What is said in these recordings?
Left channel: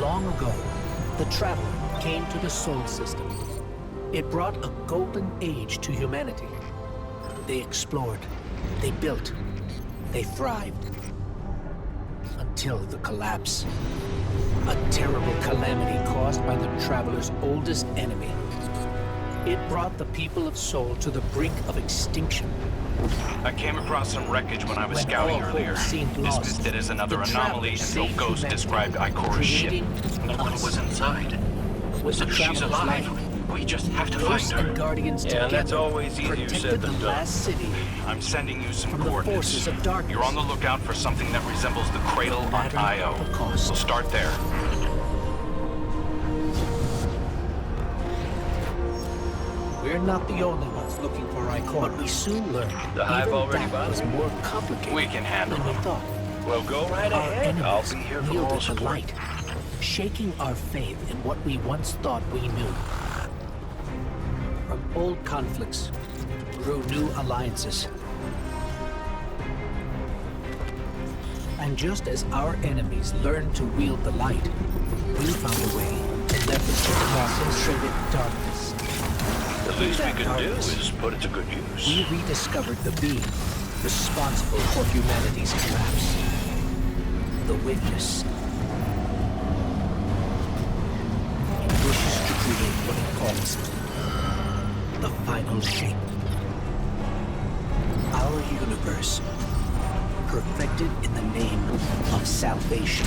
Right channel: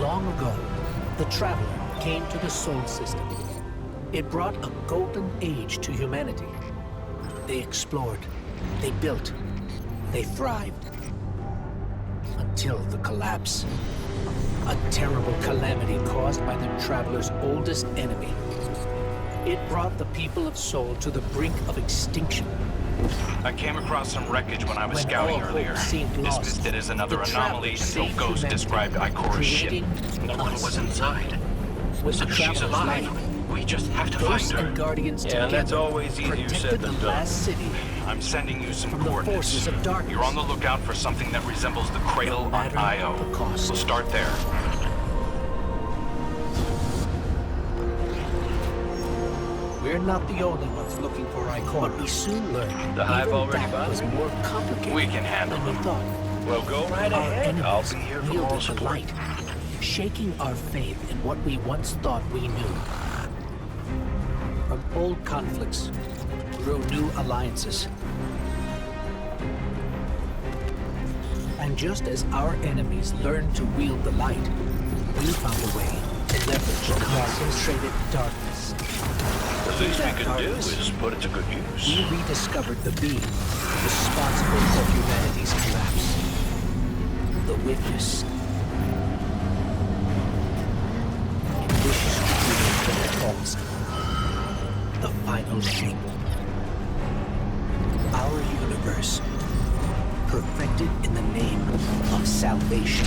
Long ago, the Traveler came to the Sol system. It brought a golden age to humanity. They explored, they built, they thrived. Until the collapse. A terrible calamity caused by the Traveler's oldest enemy. It brought the people of Sol to the brink of extinction. I came across some wreckage when I was When scouting all hope earlier. seemed lost, Dismissed it as another the anomaly Traveler until saved Ghost humanity, described Ikora's ship. creating No one us. was inside. With the She's Traveler's alive. light, We just have to Ghosts find and her. Guardians Yeah, and that's together always easier said protected the than done. last city. I'm sending you some From the coordinates. forces of darkness. You're on the lookout for something that resembles the cradle on matter Io. the cost. We'll start there. We're not the only ones looking for Ikora. But we soon learned The hive even already that was bothering you? more complicated We can handle than we them. thought. Well, go right Our ahead. I'll enemies be here for wielded moral the support. light, shaking our faith in what we once thought we knew. From old conflicts grew new alliances. And just as our enemies learned to wield the light, we found a way to leverage the concentrated darkness. The least we That can do darkness. is put it to good use. We rediscovered the being responsible for humanity's collapse. The Witness. It wishes to create what it calls the final shape. Our universe, perfected in the name of salvation.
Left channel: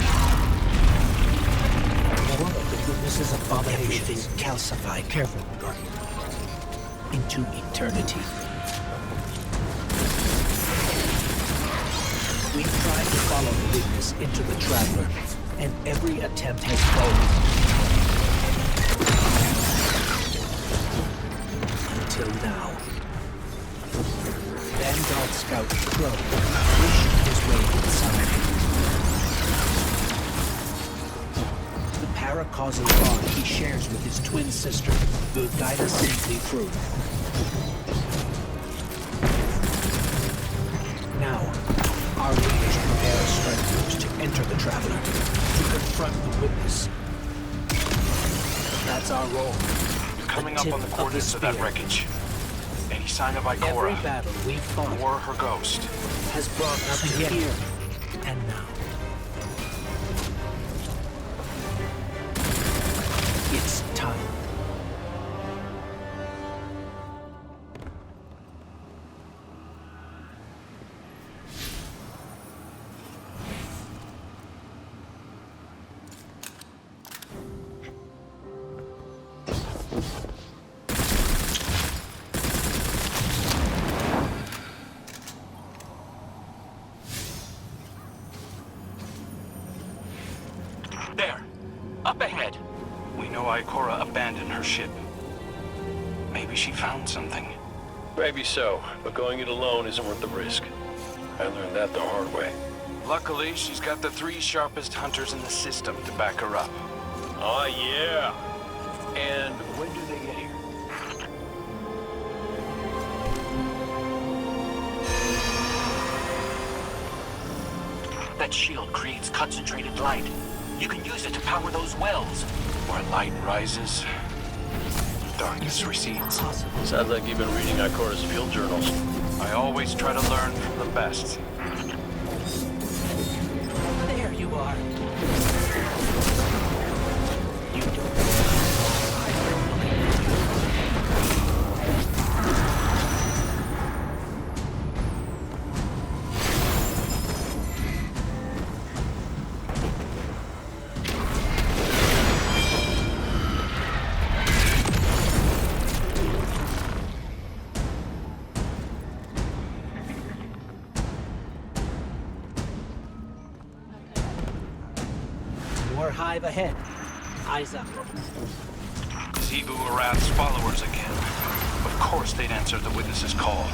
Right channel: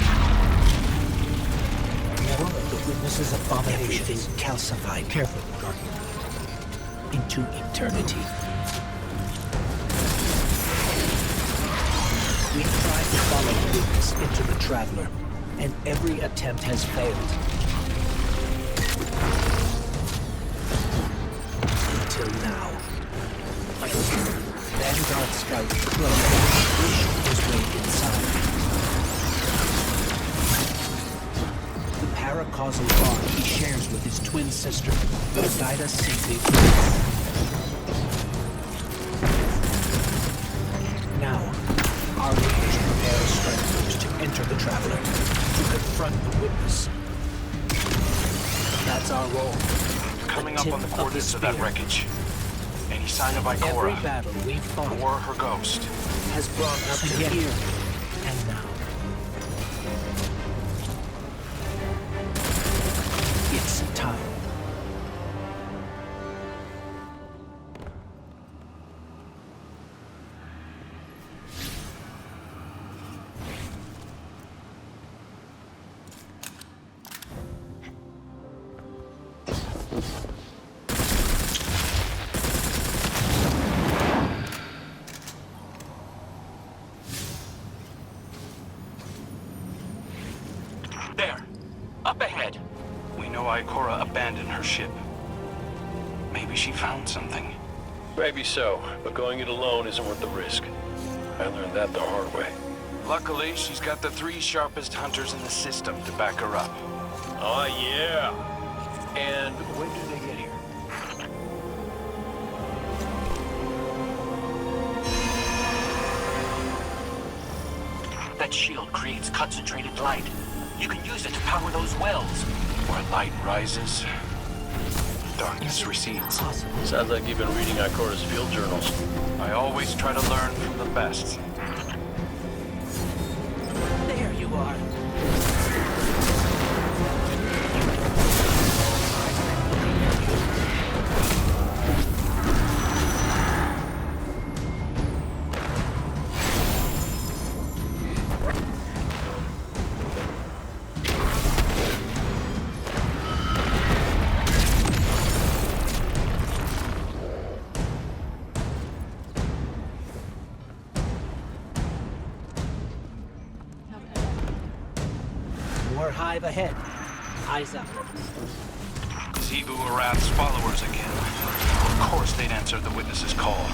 More of the Witness's abominations. Everything calcified. Careful, Guardian. Into eternity. We've tried to follow the Witness into the Traveler, and every attempt has failed. Until now. Vanguard Scout Crow wished his way inside. The paracausal bond he shares with his twin sister will guide us safely through. Now, our leaders prepare stragglers to enter the Traveler, to confront the Witness. That's our role. Coming up tip on the of the coordinates of that spear. wreckage. Any sign of Every Ikora? battle we've fought Or her ghost? has brought us to here and now. It's time. There. Up ahead. We know Ikora abandoned her ship. Maybe she found something. Maybe so, but going it alone isn't worth the risk. I learned that the hard way. Luckily, she's got the 3 sharpest hunters in the system to back her up. Oh, yeah. And when do they get here? That shield creates concentrated light. You can use it to power those wells. Where light rises, darkness recedes. Possible. Sounds like you've been reading Ikora's field journals. I always try to learn from the best. There you are. You don't know how long I've been looking for you. More hive ahead. Eyes up. Zebu Arath's followers again. Of course they'd answer the Witness's call.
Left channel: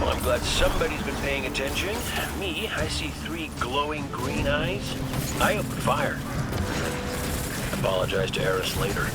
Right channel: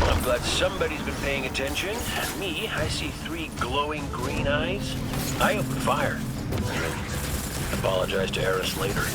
Well, I'm glad somebody's been paying attention. Me, I see 3 glowing green eyes. I opened fire. Apologize to Eris later.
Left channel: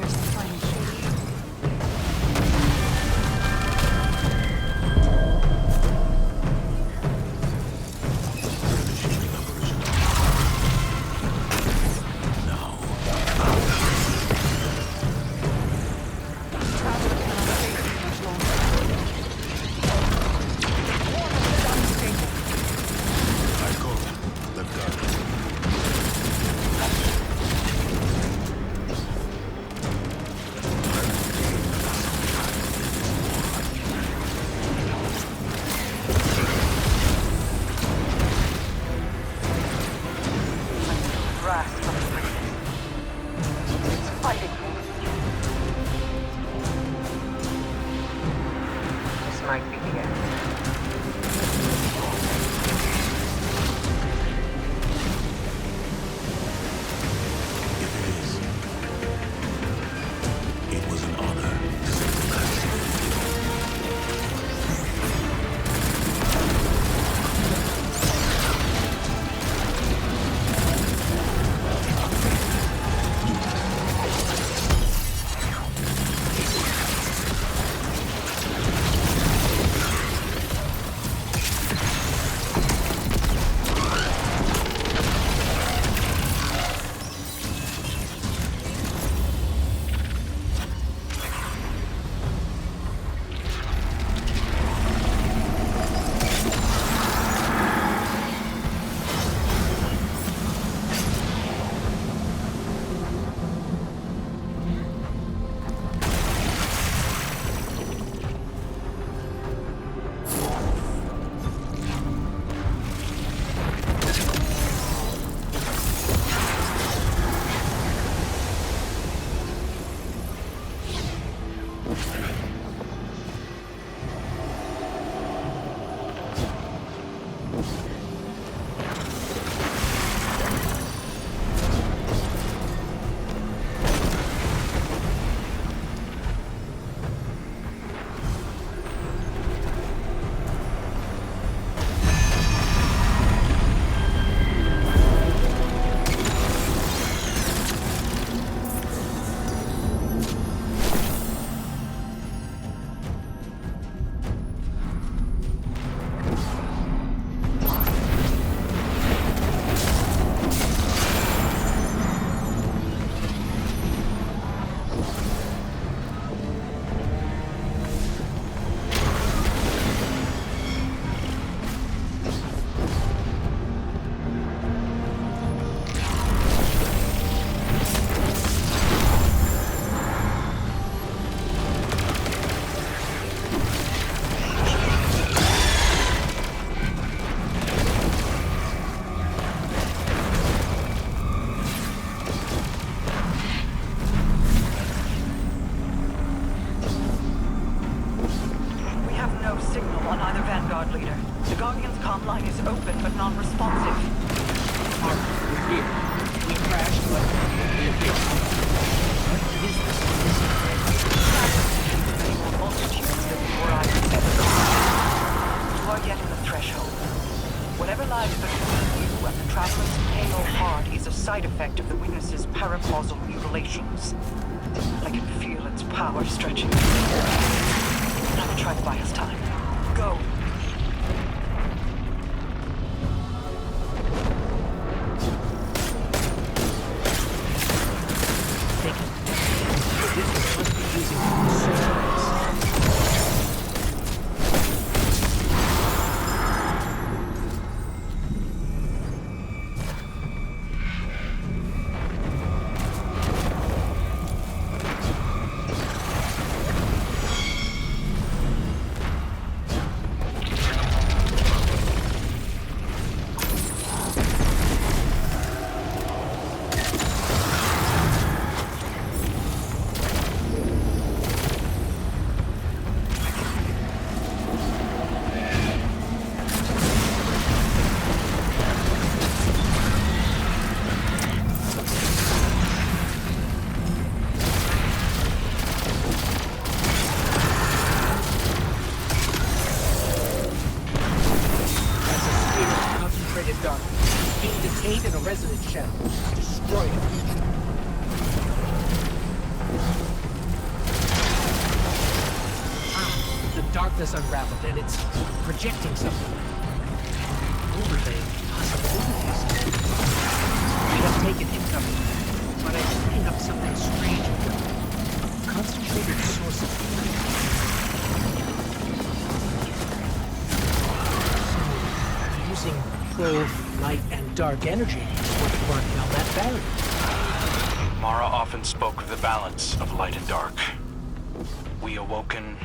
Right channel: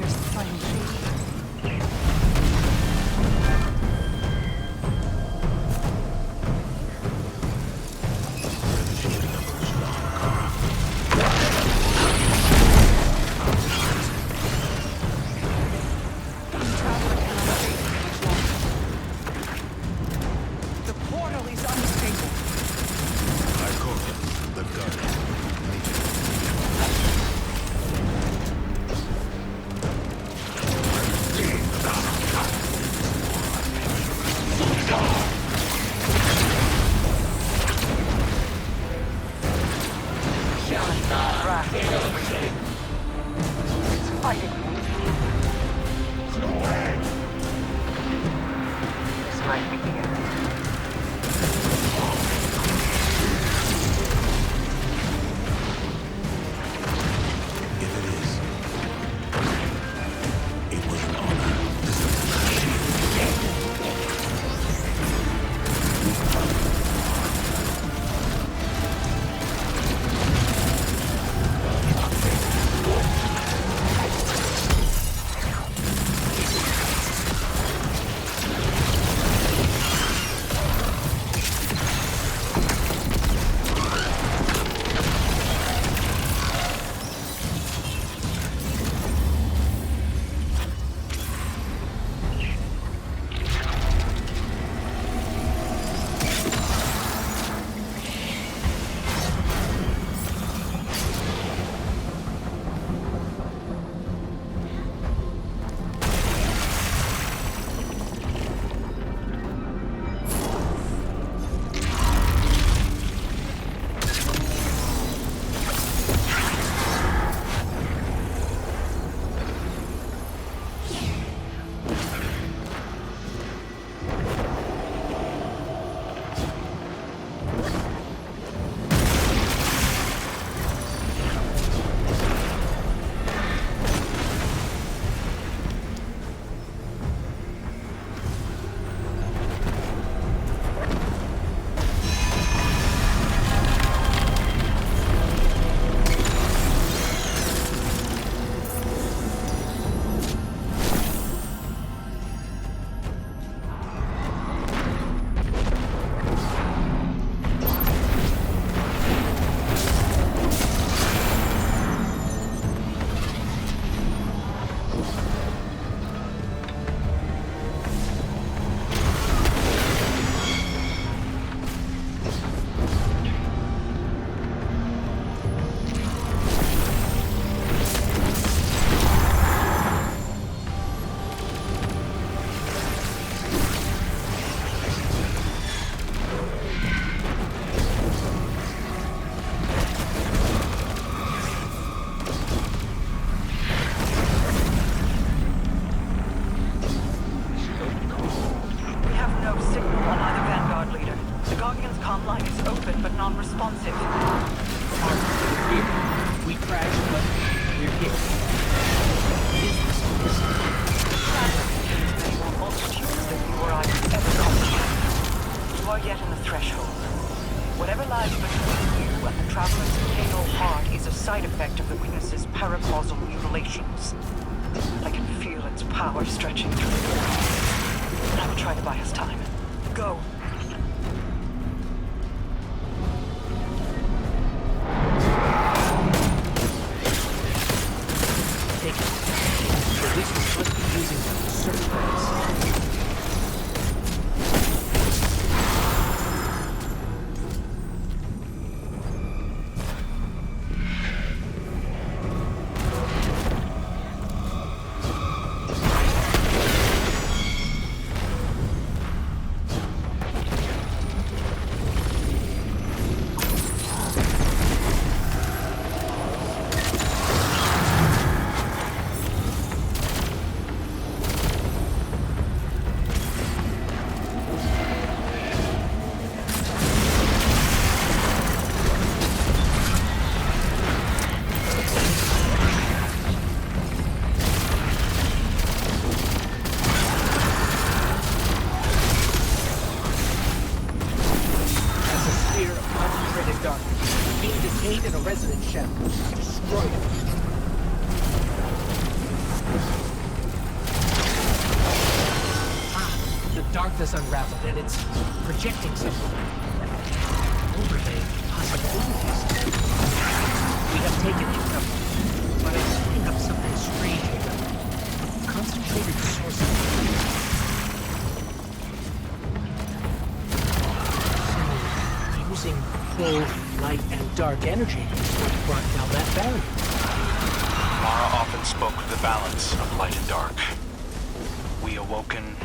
Engineers finding shady. Further shielding operation on. Traveler cannot stay here much longer. The portal is unstable. I call it the gun. Human grasp of the breeze. It's fighting me. This might be the end. If it is, it was an honor to serve the last shield. We have no signal on either Vanguard leader. The Guardian's comm line is open but non-responsive. We're here. We crashed, but we're here. What is this? Traveler contains many more multitudes than you or I could ever comprehend. You are yet in the threshold. Whatever lies between you and the Traveler's pale heart is a side effect of the witness's paracausal mutilations. I can feel its power stretching through the portal. I will try to buy us time. Go. Take it. The distance must be using search lights. Being detained in a resonance shell. Destroy it. Darkness unraveled, and it's projecting something. Overlay possibilities. We have taken income, but I'm picking up something strange with them. A concentrated source of light. So, using both light and dark energy is what brought down that barrier. Mara often spoke of the balance of light and dark. We awoken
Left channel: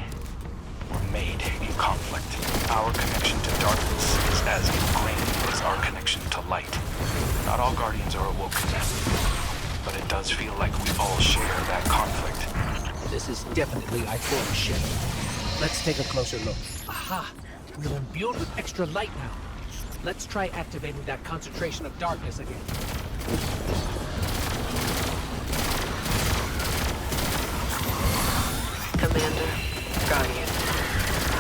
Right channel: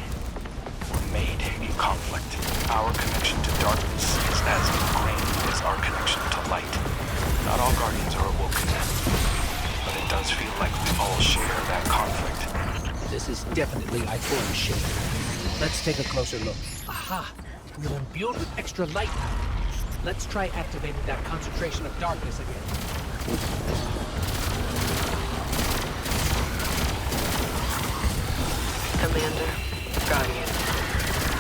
were made in conflict. Our connection to darkness is as ingrained as our connection to light. Not all Guardians are awoken, but it does feel like we all share that conflict. This is definitely I-4's ship. Let's take a closer look. Aha! We're imbued with extra light now. Let's try activating that concentration of darkness again. Commander, Guardian,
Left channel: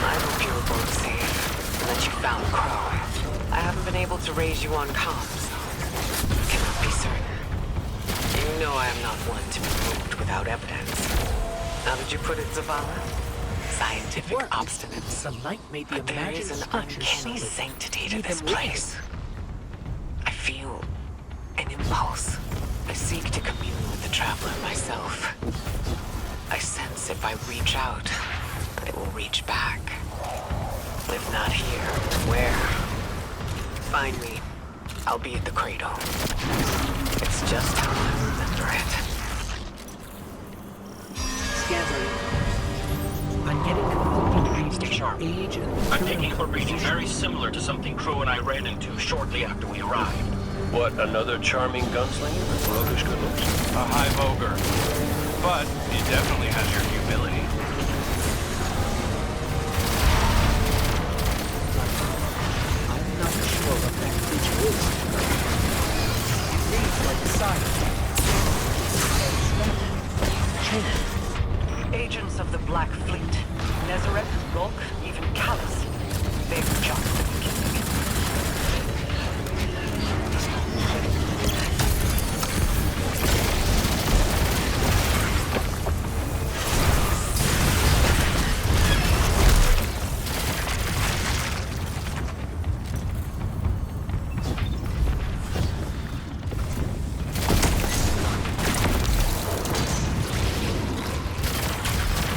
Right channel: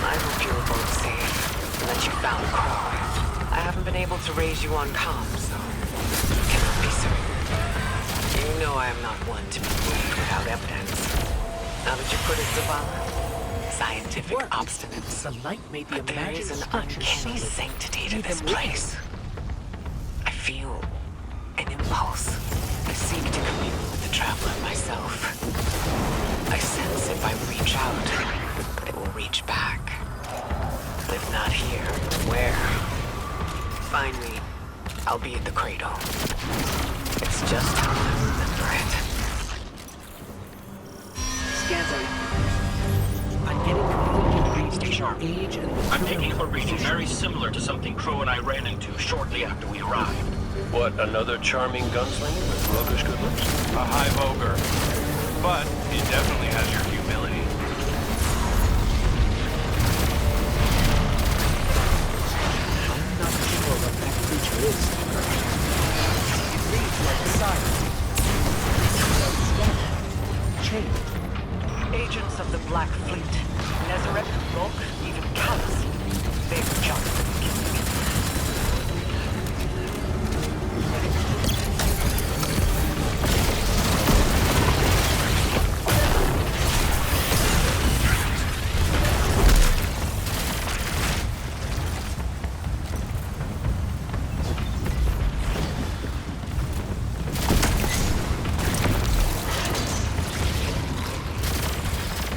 I hope you were both safe and that you found Crow. I haven't been able to raise you on comms, so cannot be certain. You know I am not one to be moved without evidence. How did you put it, Zavala? Scientific obstinance. The light made the But there is an structure uncanny solid. sanctity to Made this them living. place. I feel an impulse. I seek to commune with the Traveler myself. I sense if I reach out, that it will reach back. If not here, where? Find me. I'll be at the cradle. It's just how I remember it. Scans are introduced. I'm getting conflicting reads Stay on sharp. age and I'm material taking a briefing composition. very similar to something Crow and I ran into shortly after we arrived. What, another charming gunslinger with roguish good looks? A high voger. But he definitely has your humility. I'm not sure what that creature is. It reads like a siren. Chained. Agents of the Black Fleet. Nezareth, Rolk, even Callus. They've just been killed.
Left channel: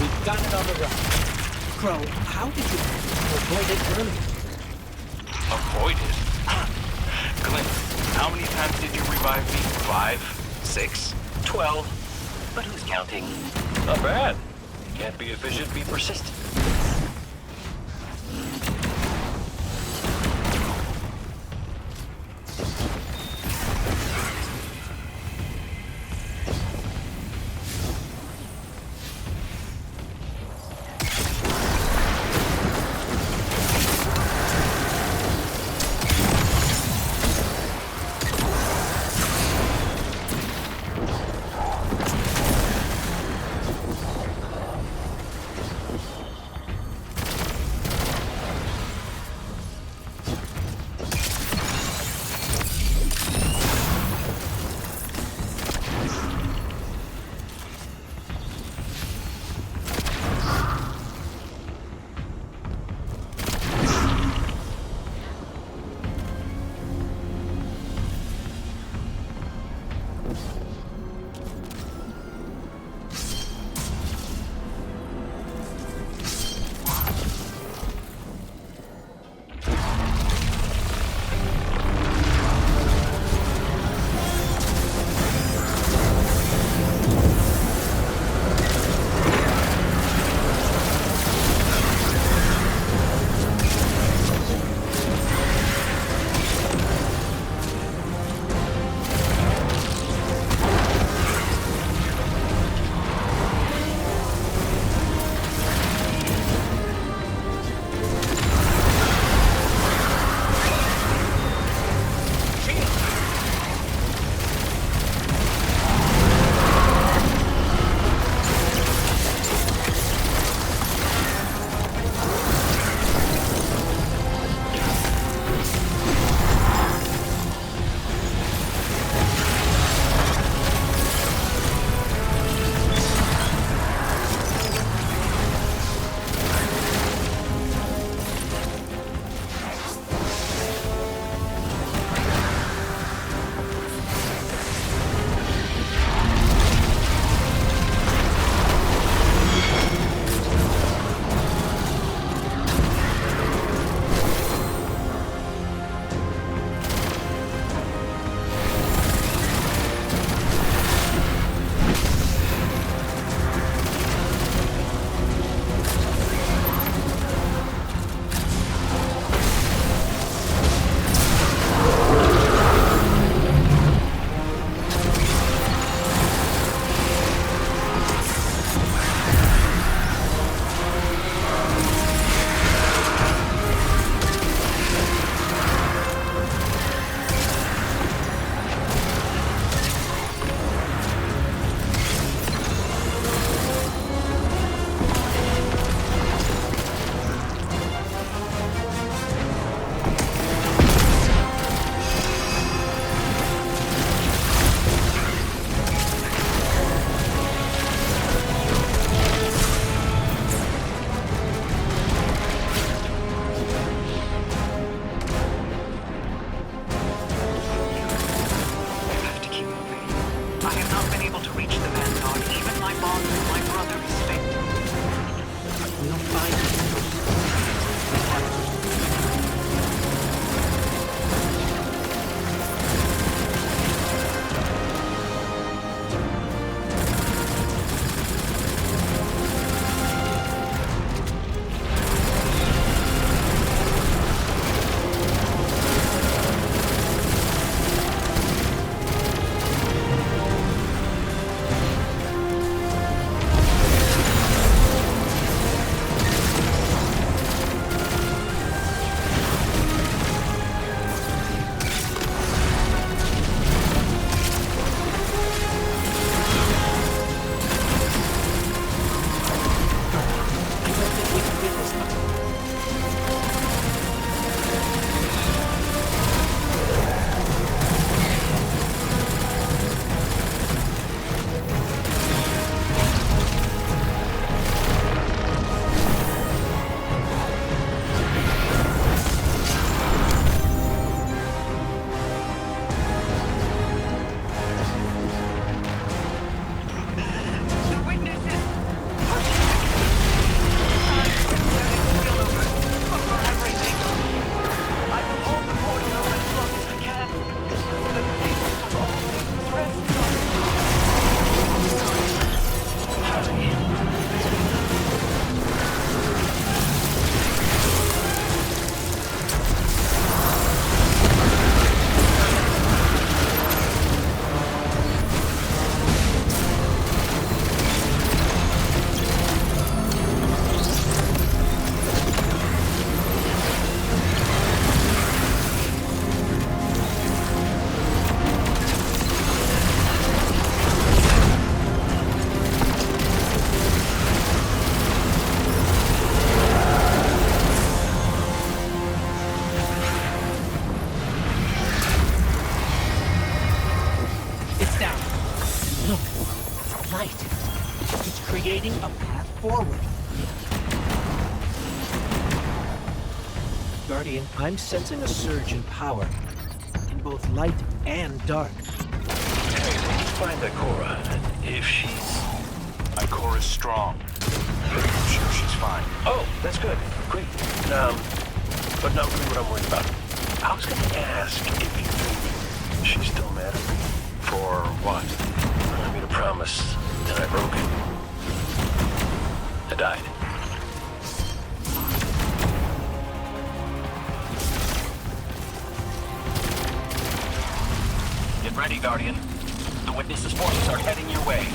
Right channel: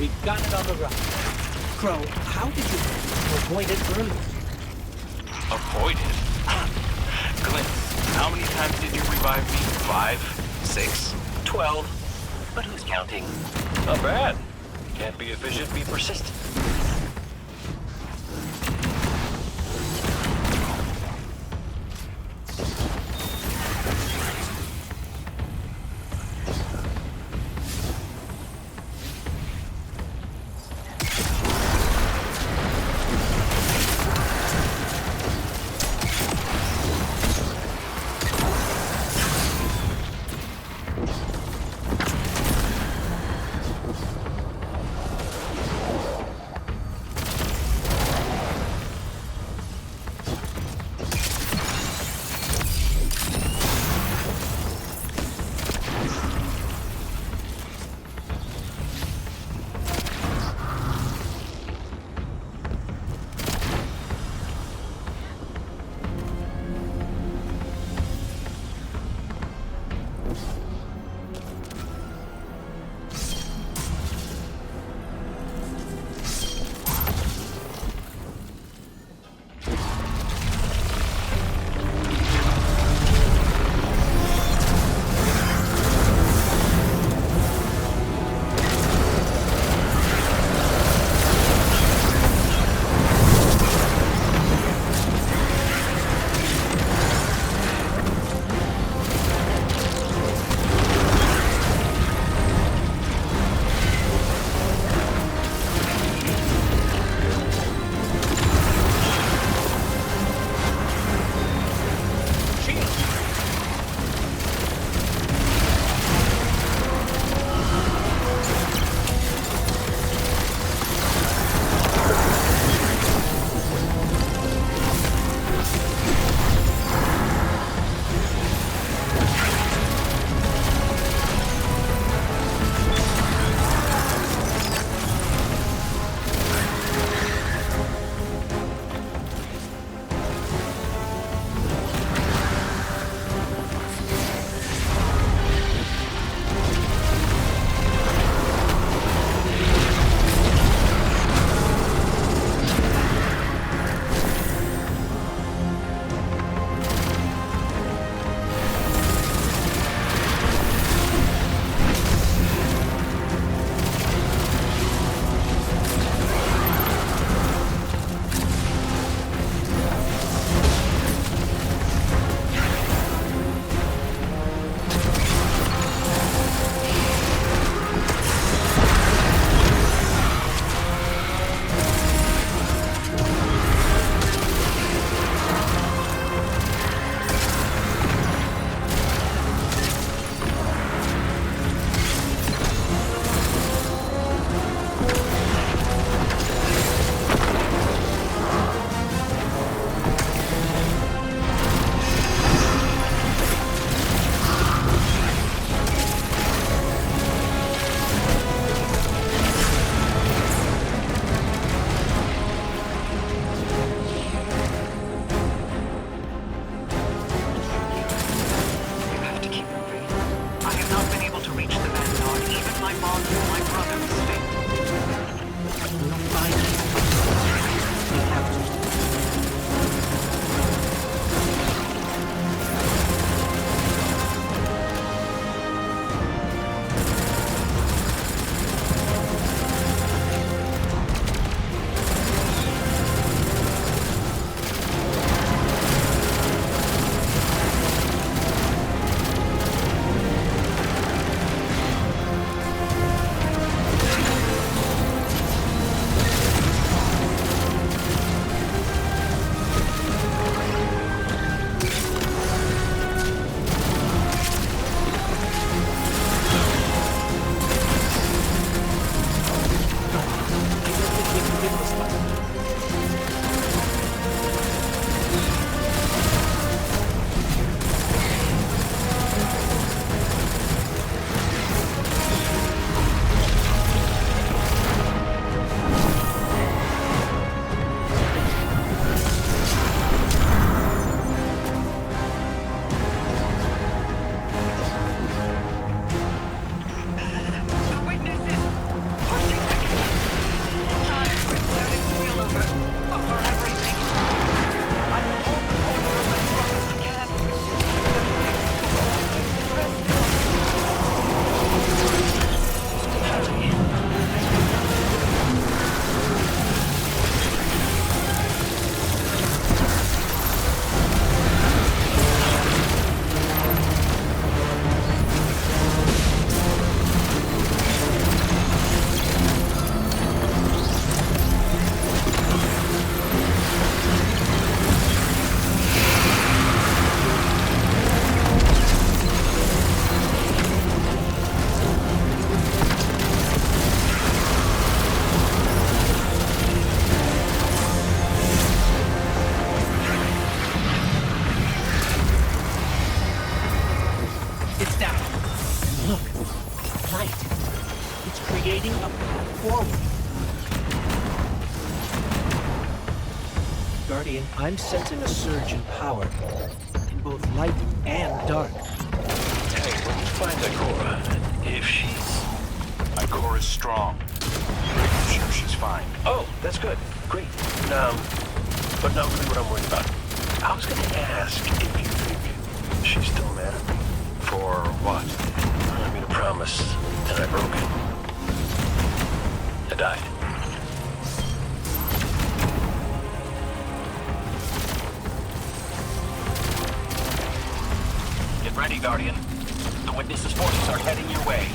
We've got it on the run. Crow, how did you avoid it earlier? Avoided? Glenn, how many times did you revive me? 5? 6? 12. But who's counting? Not bad. Can't be efficient, be persistent. creating a path forward. Guardian, I'm sensing a surge in power, in both light and dark. Hey, when you find Ikora, if she's... Ikora's strong. I'm sure she's fine. Oh, that's good. Great. But not really what I'm worried about. I was gonna ask if you think she's still mad at me. For what? I made a promise, and I broke it. I died. Get ready, Guardian. The Witness's forces are heading your way.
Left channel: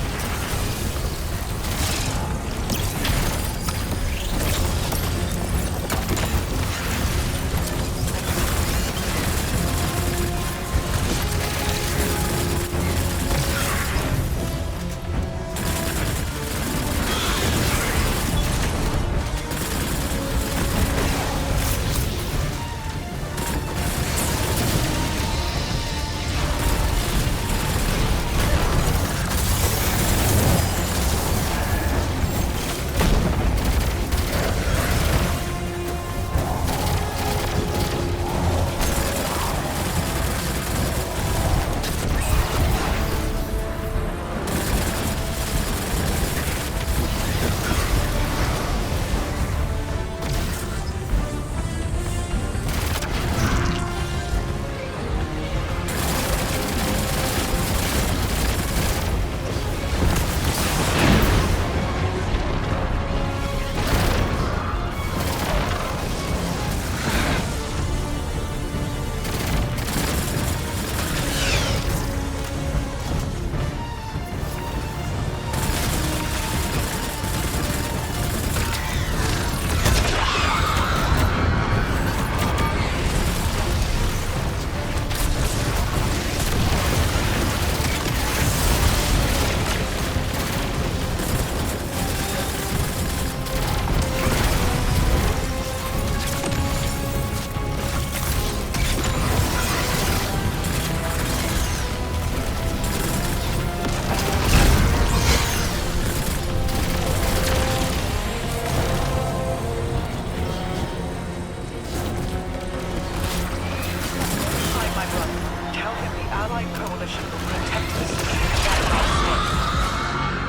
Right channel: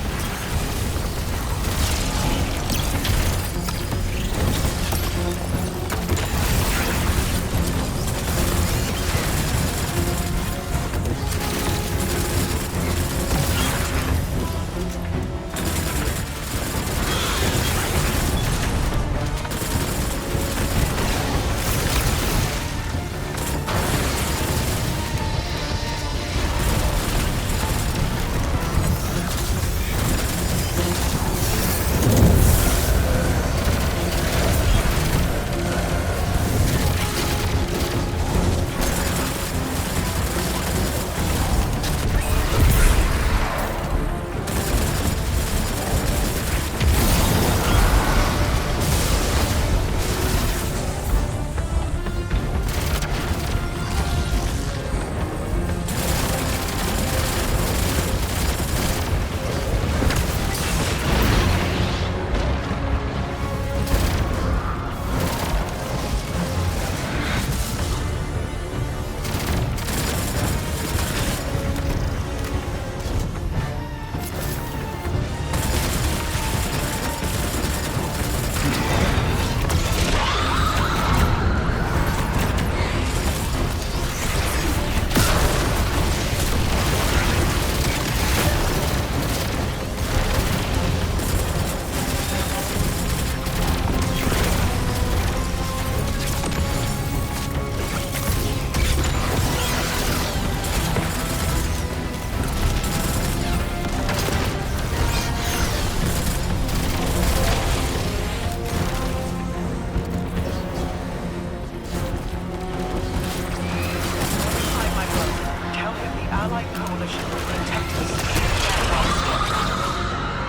Allied coalition will protect us and stand our step.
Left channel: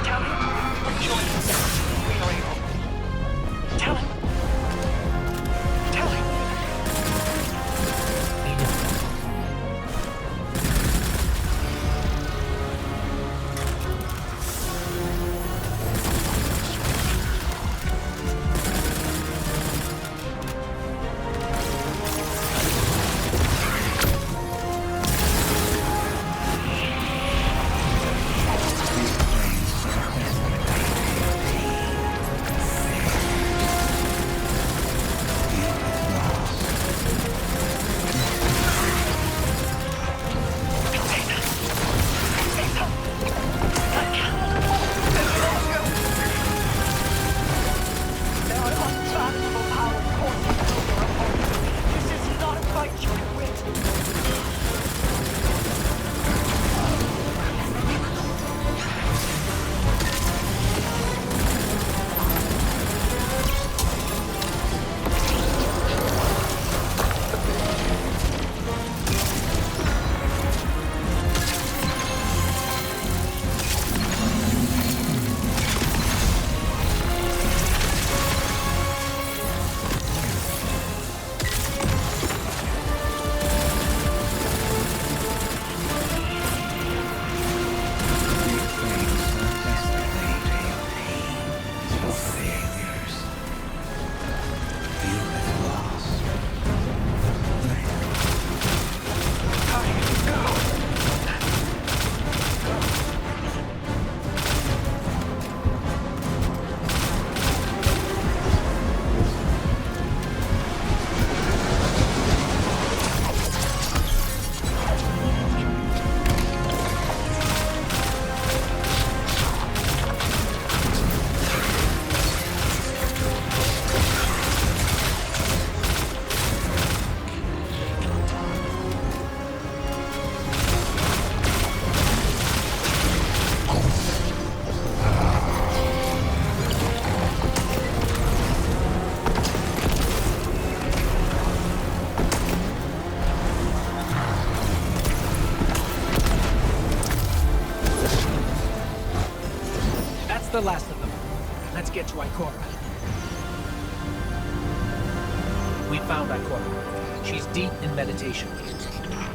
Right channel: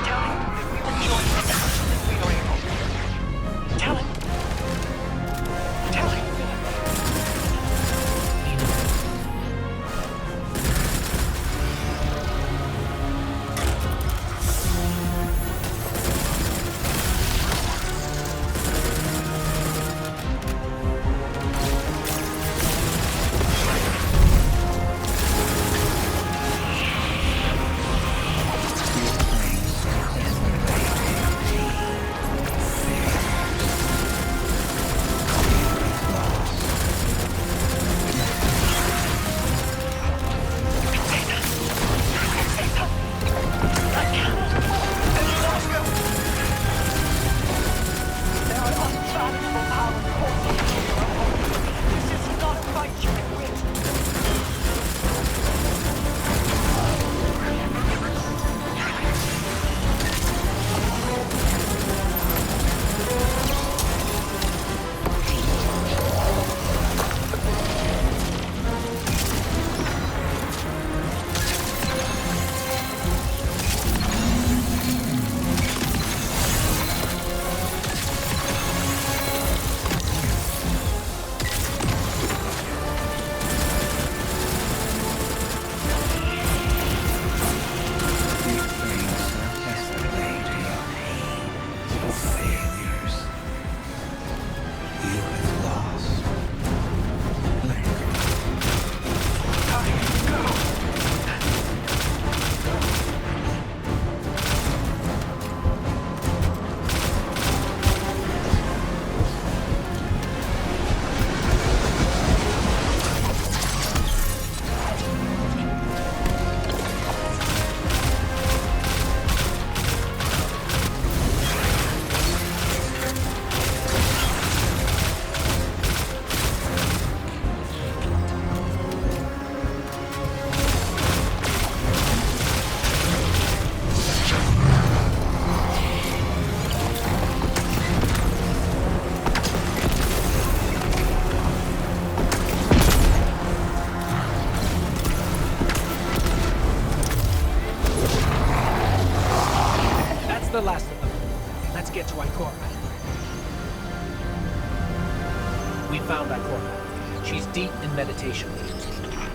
Tell him that we will join him as soon as we are able. Tell him. Tell him. Let's get to Ikora. We found Ikora. She's deep in meditation.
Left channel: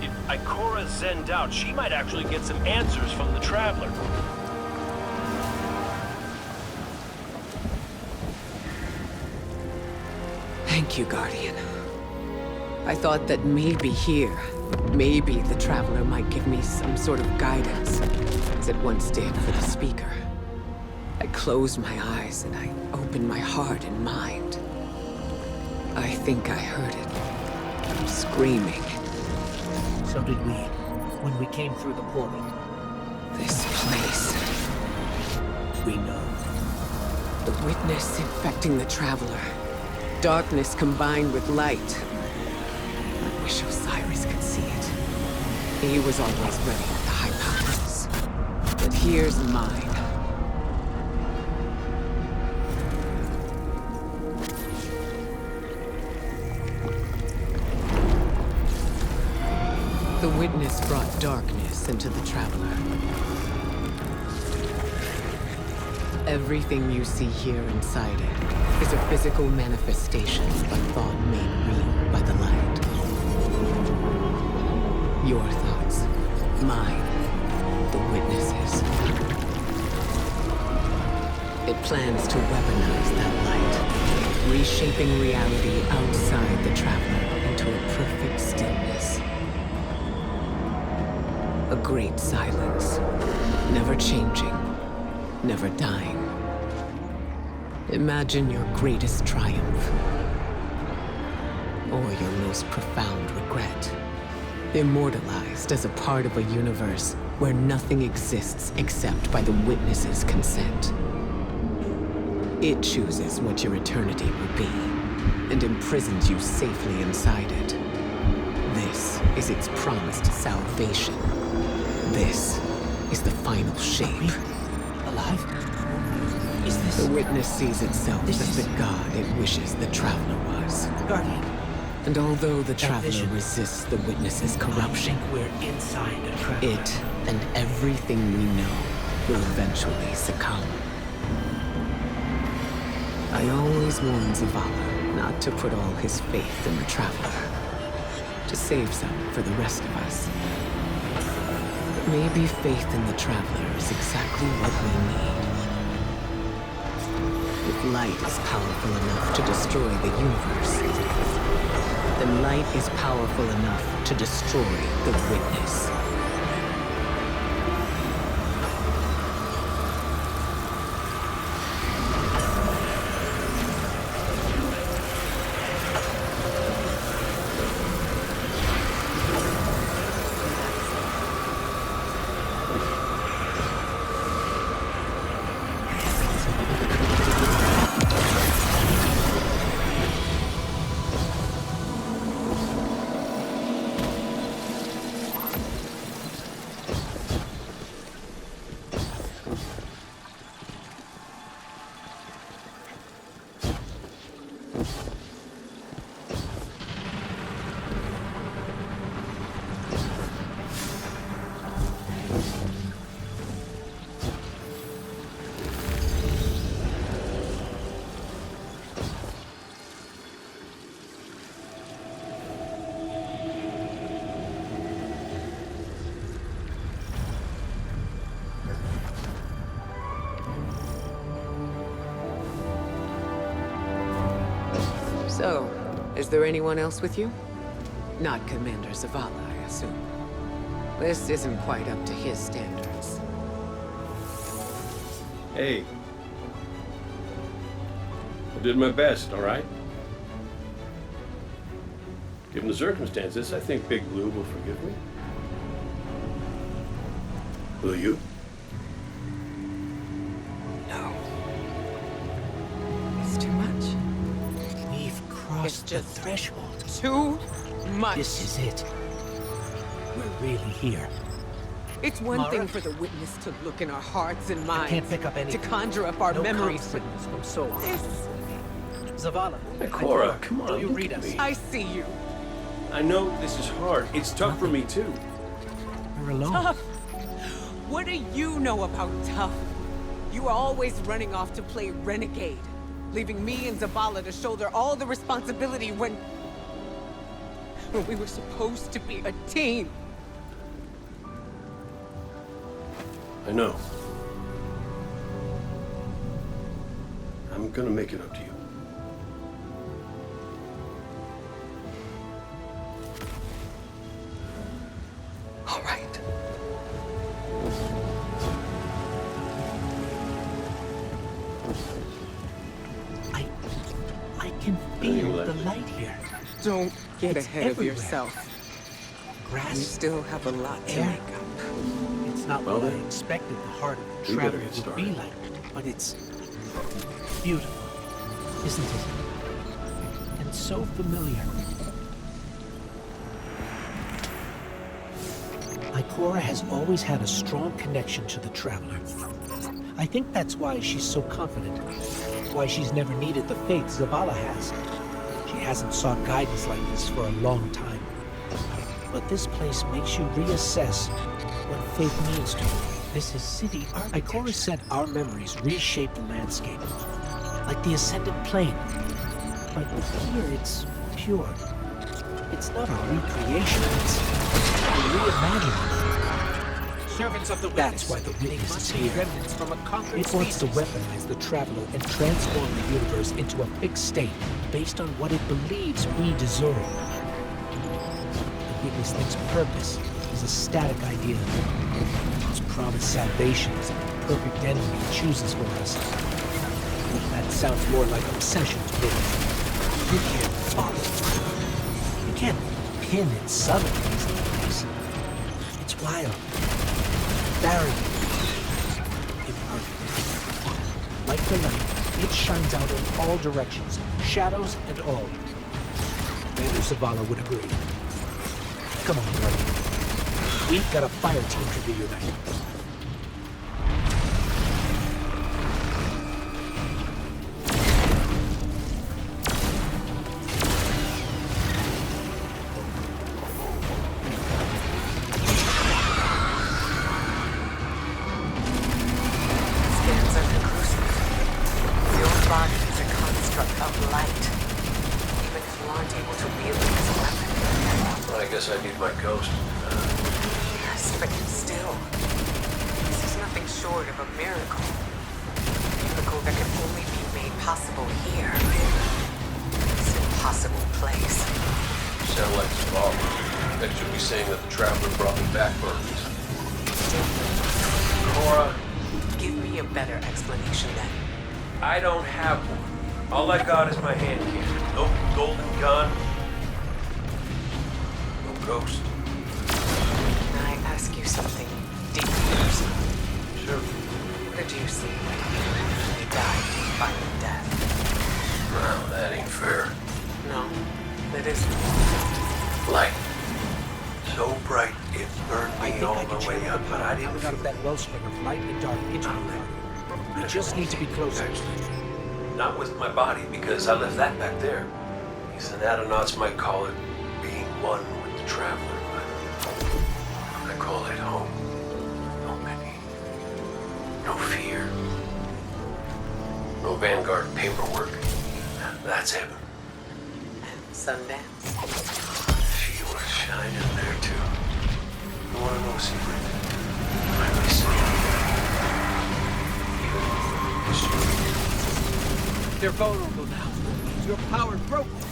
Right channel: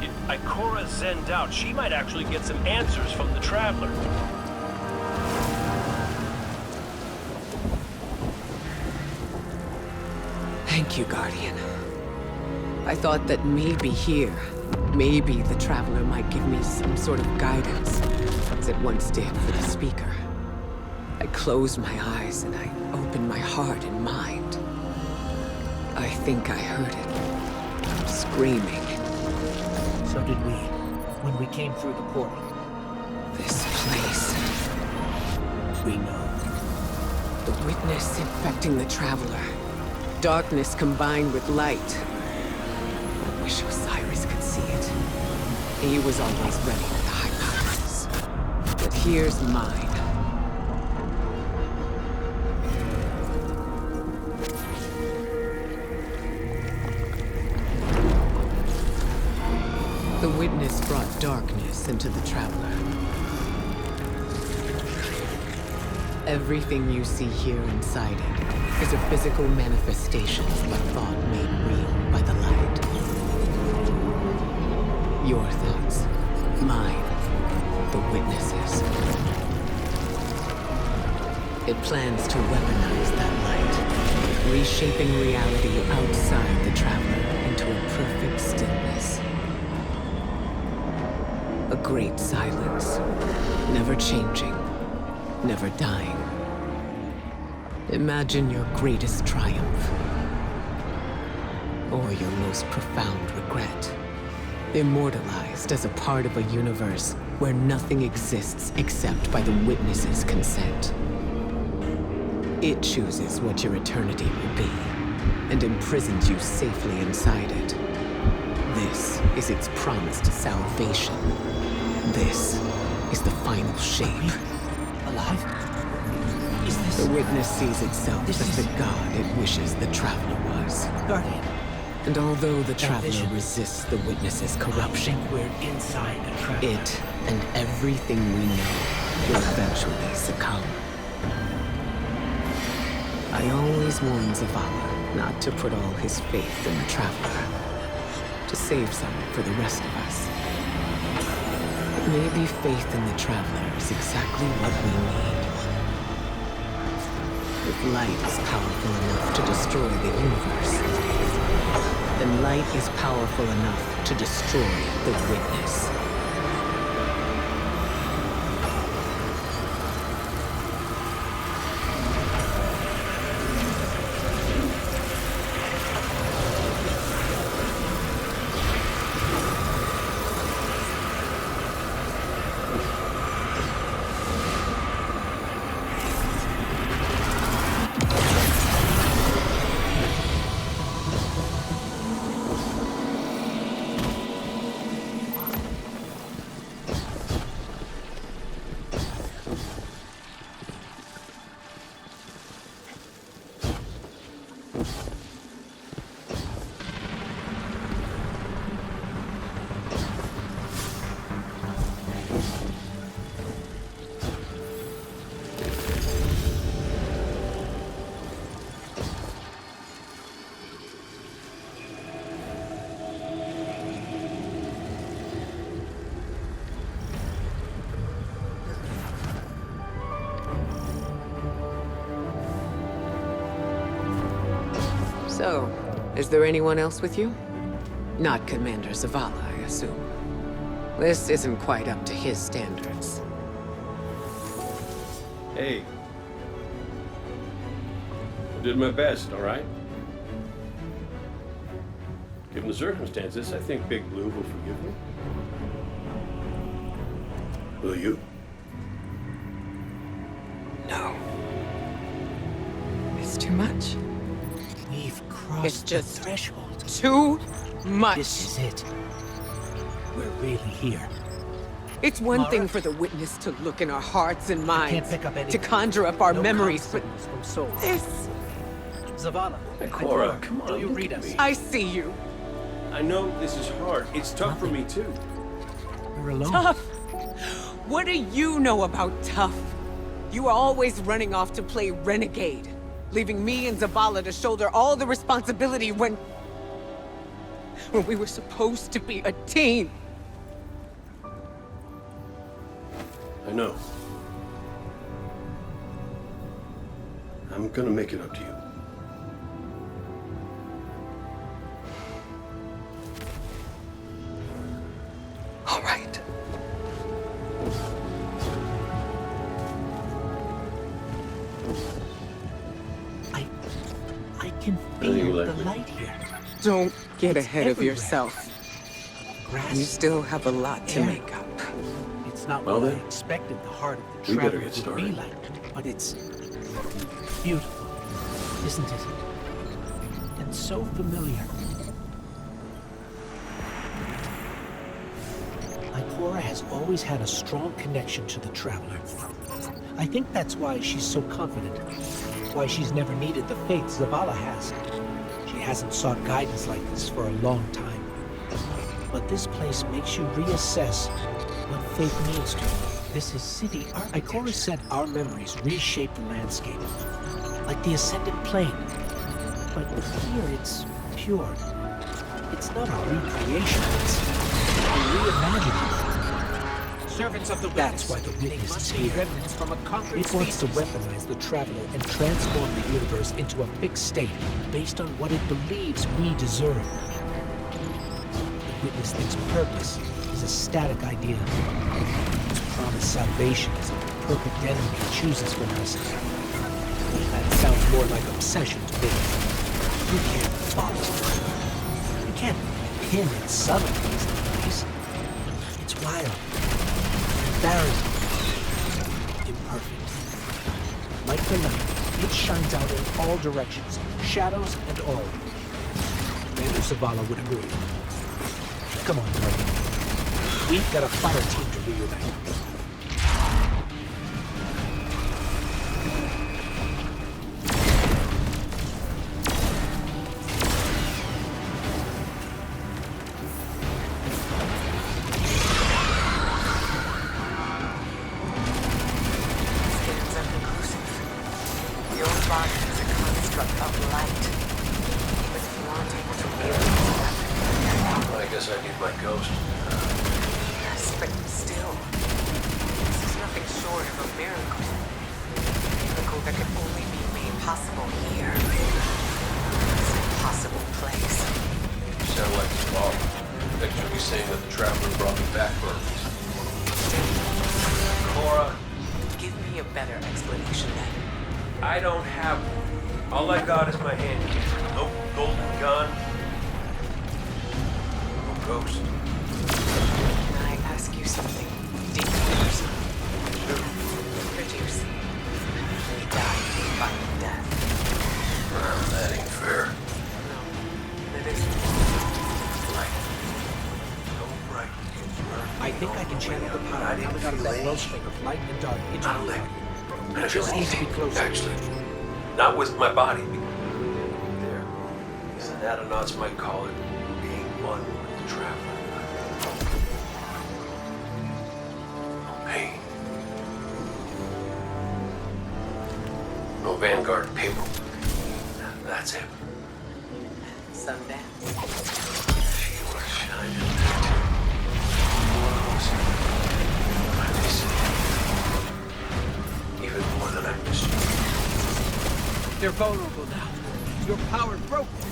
If Ikora zenned out, she might actually get some answers from the Traveler. Thank you, Guardian. I thought that maybe here, maybe the Traveler might give me some sort of guidance, as it once did for the Speaker. I closed my eyes and I opened my heart and mind. I think I heard it. Screaming. So did we, when we came through the portal. This place. We know. The witness infecting the Traveler. Darkness combined with light. I wish Osiris could see it. He was always ready with the hypothesis. But here's mine. The witness brought darkness into the Traveler. Everything you see here inside it is a physical manifestation of a thought made real by the light. Your thoughts, mine, the witnesses. It plans to weaponize that light, reshaping reality outside the Traveler into a perfect stillness. A great silence, never changing, never dying. Imagine your greatest triumph, or your most profound regret. Immortalized as a part of a universe where nothing exists except by the witness's consent. It chooses what your eternity will be, and imprisons you safely inside it. This is its promised salvation. This is the final shape. Alive? Is this... The witness sees itself This as is- the god it wishes the Traveler was. Guardian, And although the Traveler vision. resists the witness's I corruption, think we're inside a Traveler. it and everything we know will eventually succumb. I always warn Zavala not to put all his faith in the Traveler, to save some for the rest of us. But maybe faith in the Traveler is exactly what we need. If light is powerful enough to destroy the universe, then light is powerful enough to destroy the witness. So, is there anyone else with you? Not Commander Zavala, I assume. This isn't quite up to his standards. Hey. I did my best, all right? Given the circumstances, I think Big Blue will forgive me. Will you? No. It's too much. We've crossed It's just- the threshold. Too much. This is it. We're really here. It's one Mara? thing for the witness to look in our hearts and minds, can't pick up to anything. conjure up our No memories, comm but signals from Sol. this... Ikora, Zavala. Ikora, come on, do you look read at us? me. I see you. I know this is hard. It's tough for me, too. We're alone. Tough. What do you know about tough? You were always running off to play renegade, leaving me and Zavala to shoulder all the responsibility when we were supposed to be a team. I know. I'm gonna make it up to you. All right. I can feel the light here. Don't get It's ahead of everywhere. yourself. Grass, You still have a lot to air. make up. It's not Well what I then, expected the heart of the we better traveler get would started. be like, but it's beautiful, isn't it? And so familiar. Ikora has always had a strong connection to the traveler. I think that's why she's so confident. Why she's never needed the faith Zavala has. She hasn't sought guidance like this for a long time. But this place makes you reassess what faith means to you. This is city architecture. Ikora said our memories reshape the landscape, like the ascended plane. But here it's pure. It's not a recreation, it's a reimagining. Servants of the That's why the witness is here. remnants from a conquered It wants to species. weaponize the Traveler and transform the universe into a fixed state based on what it believes we deserve. The witness thinks purpose is a static idea. Its promised salvation is a perfect enemy it chooses for us. That sounds more like obsession to me. You can't follow it. You can't pin its subtleties in place. It's wild. Barren, imperfect. Like the light, it shines out in all directions, shadows and all. Commander Zavala would agree. Come on, Guardian. We've got a fire team to reunite. Scans are conclusive. Your body is a construct of light. Even if you aren't able to wield it as a weapon. Well, I guess I need my ghost. Yes, but still. This is nothing short of a miracle. A miracle that can only be made possible here. This impossible place. You sound like Zavala. Next you'll be saying that the Traveler brought me back for a reason. Cora, Give me a better explanation then. I don't have one. All I got is my hand cannon. No golden gun. No ghost. Can I ask you something deeply personal? Sure. What did you see when you died fighting death? Well, that ain't fair. No, it isn't. Light. So bright it burned me I think all I can the way channel the up, but I power didn't coming out of feel that any. wellspring of light and dark into I'll the let Guardian. you. You just need to be closer. Actually, not with my body, because I left that back there. These anatronauts might call it being one with the Traveler, but I call it home. No pain. No fear. No Vanguard paperwork. That's heaven. Sundance. She was shining there too. One of those I miss you. Even more than I miss you. They're vulnerable now. Your power broke them.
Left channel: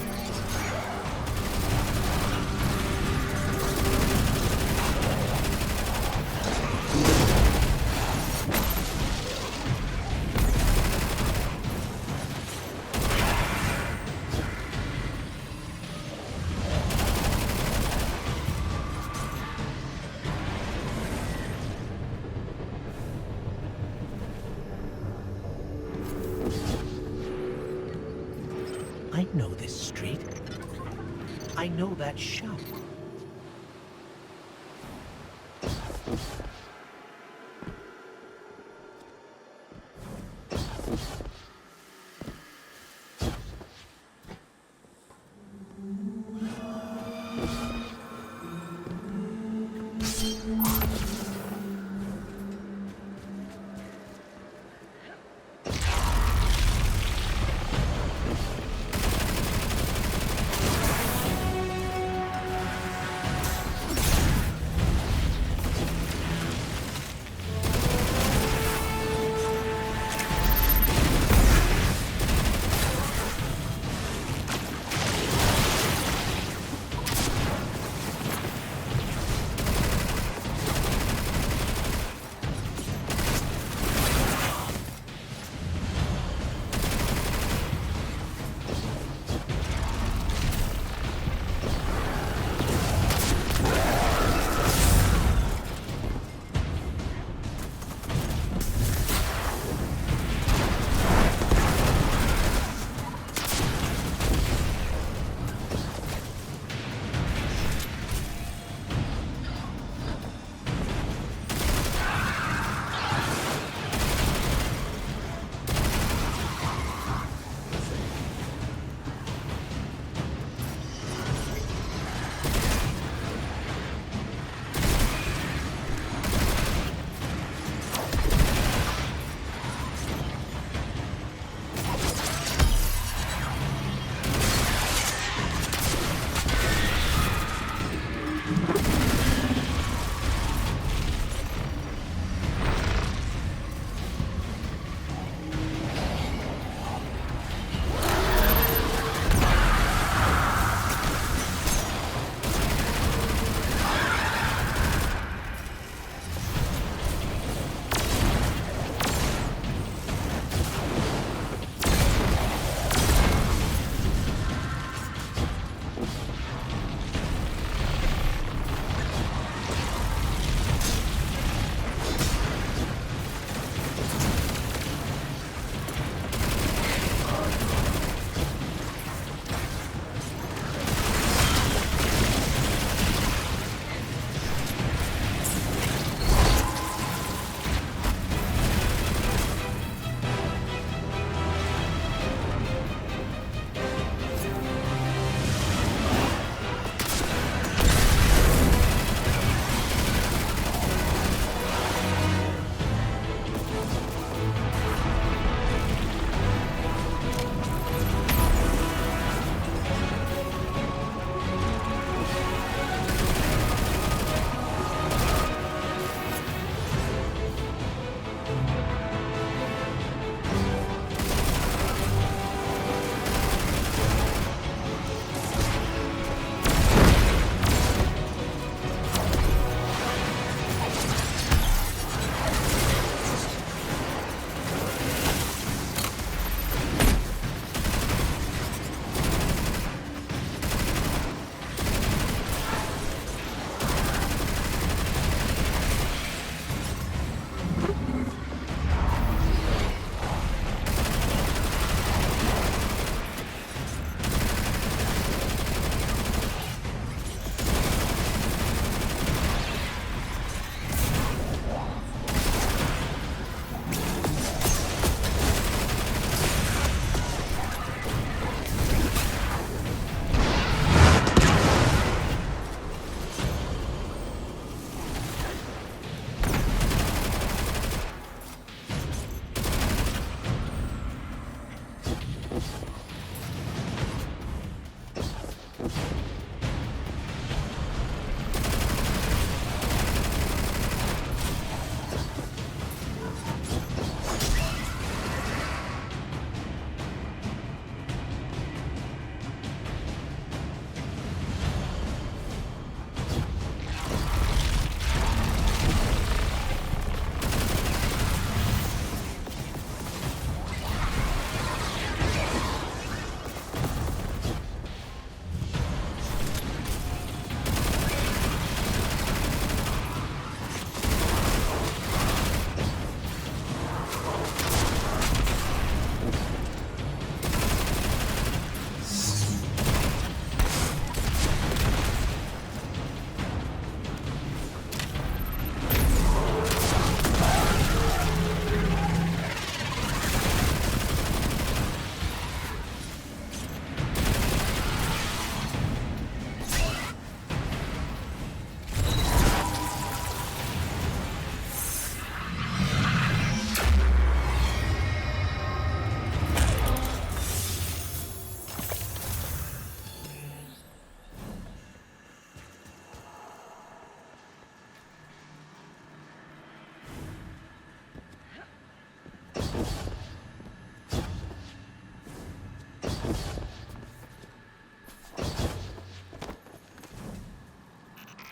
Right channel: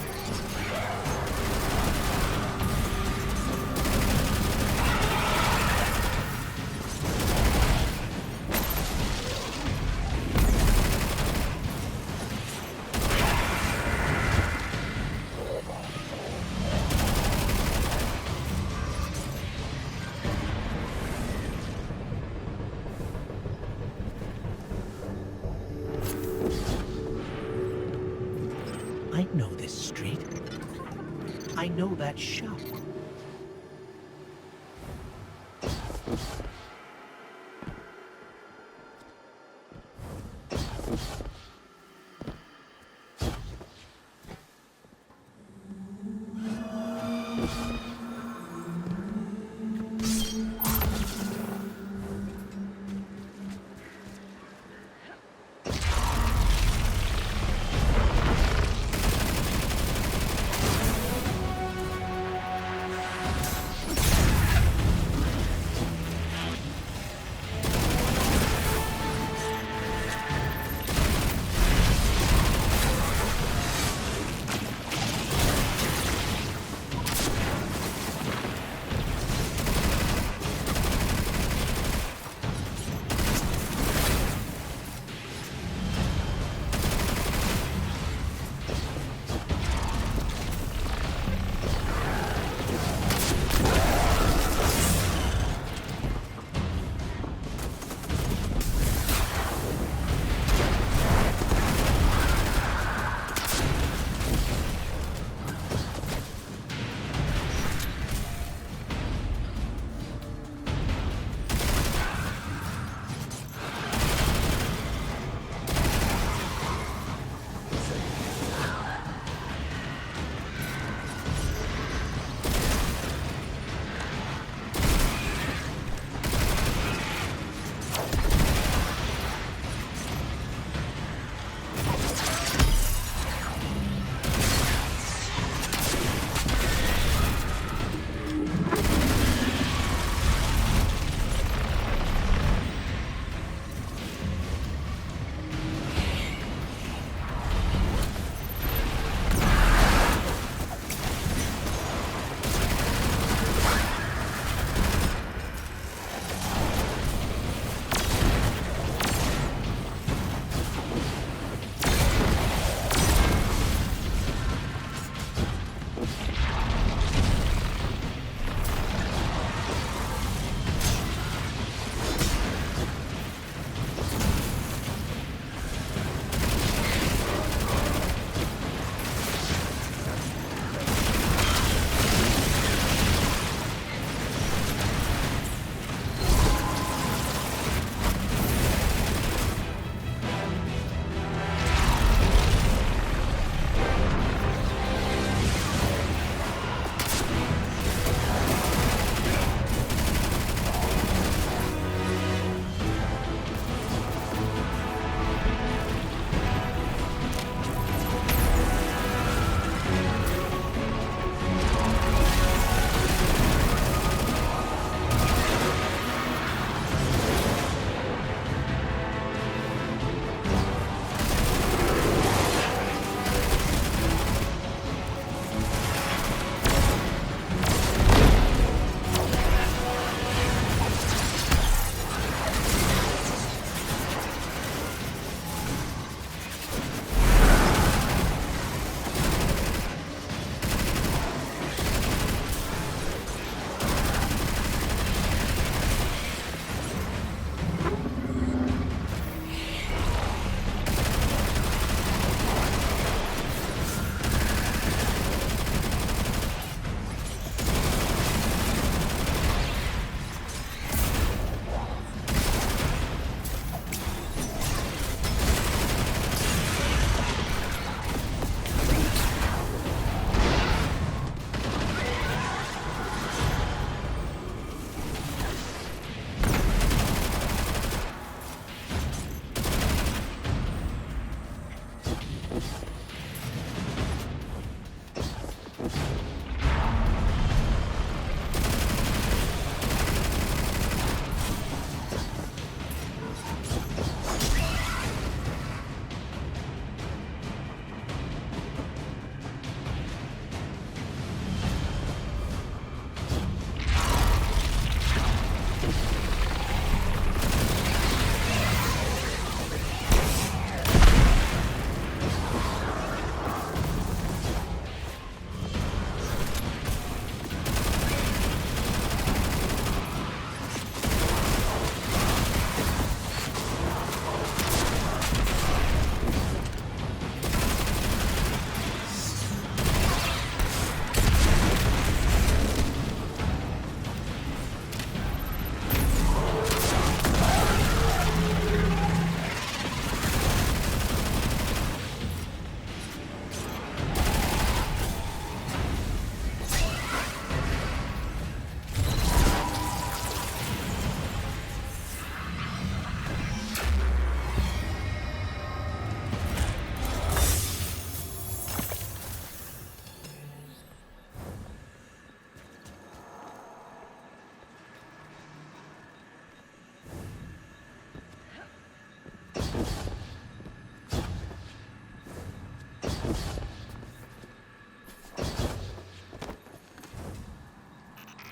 I know this street. I know that shop.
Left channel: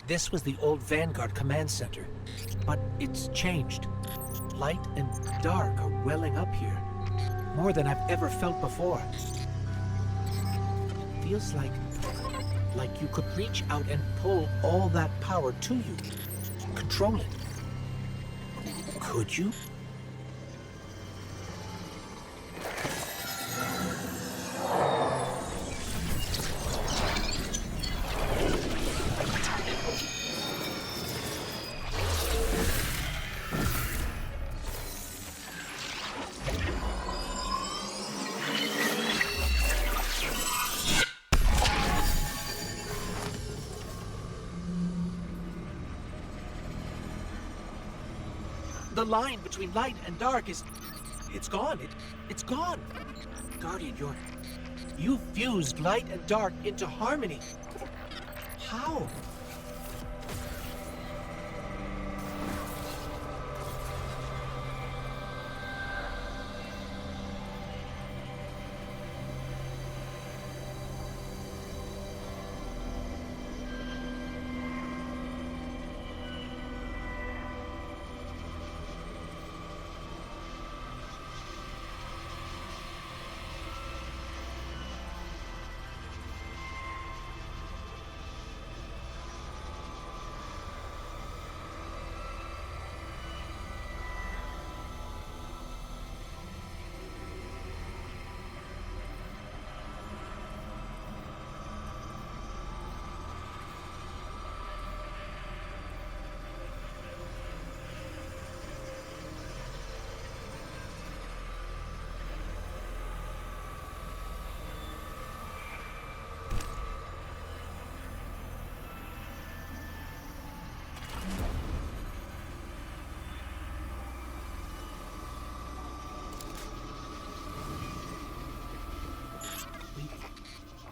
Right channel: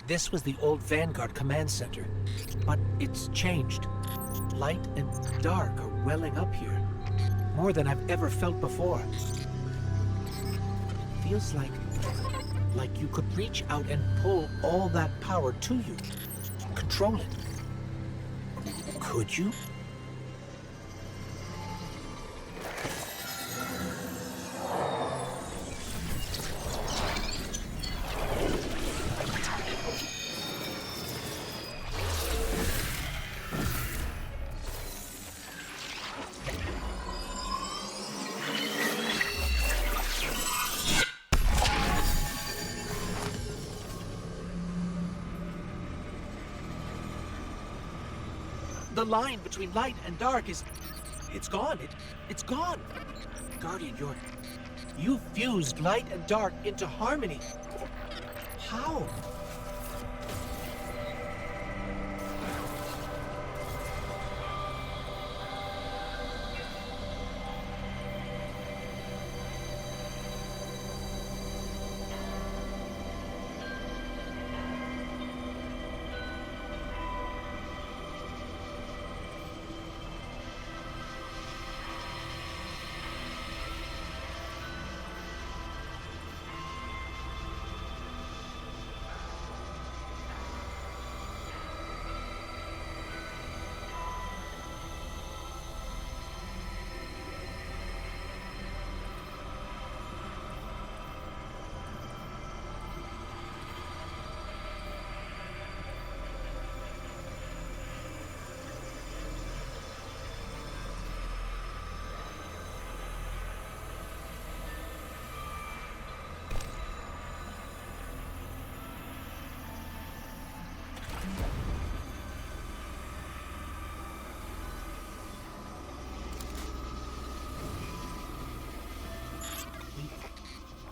This was the old Vanguard command center, but it's changed. Light and dark are welling up here, more than I've ever felt before. Feels like you could reach out and pull all that power to you, control it. Could you? The line between light and dark it's gone. It's gone. Guardian, you fused light and dark into harmony. How?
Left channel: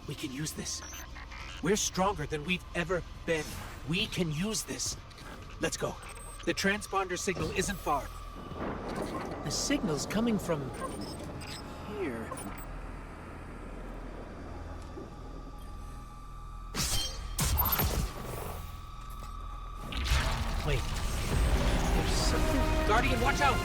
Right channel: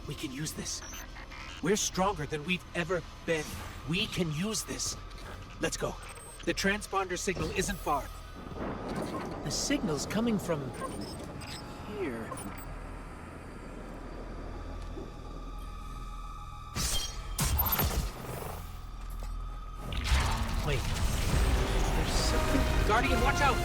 We can use this. We're stronger than we've ever been. We can use this. Let's go. The transponder signal isn't far. The signal's coming from here. Wait. There's something. Guardian, watch out!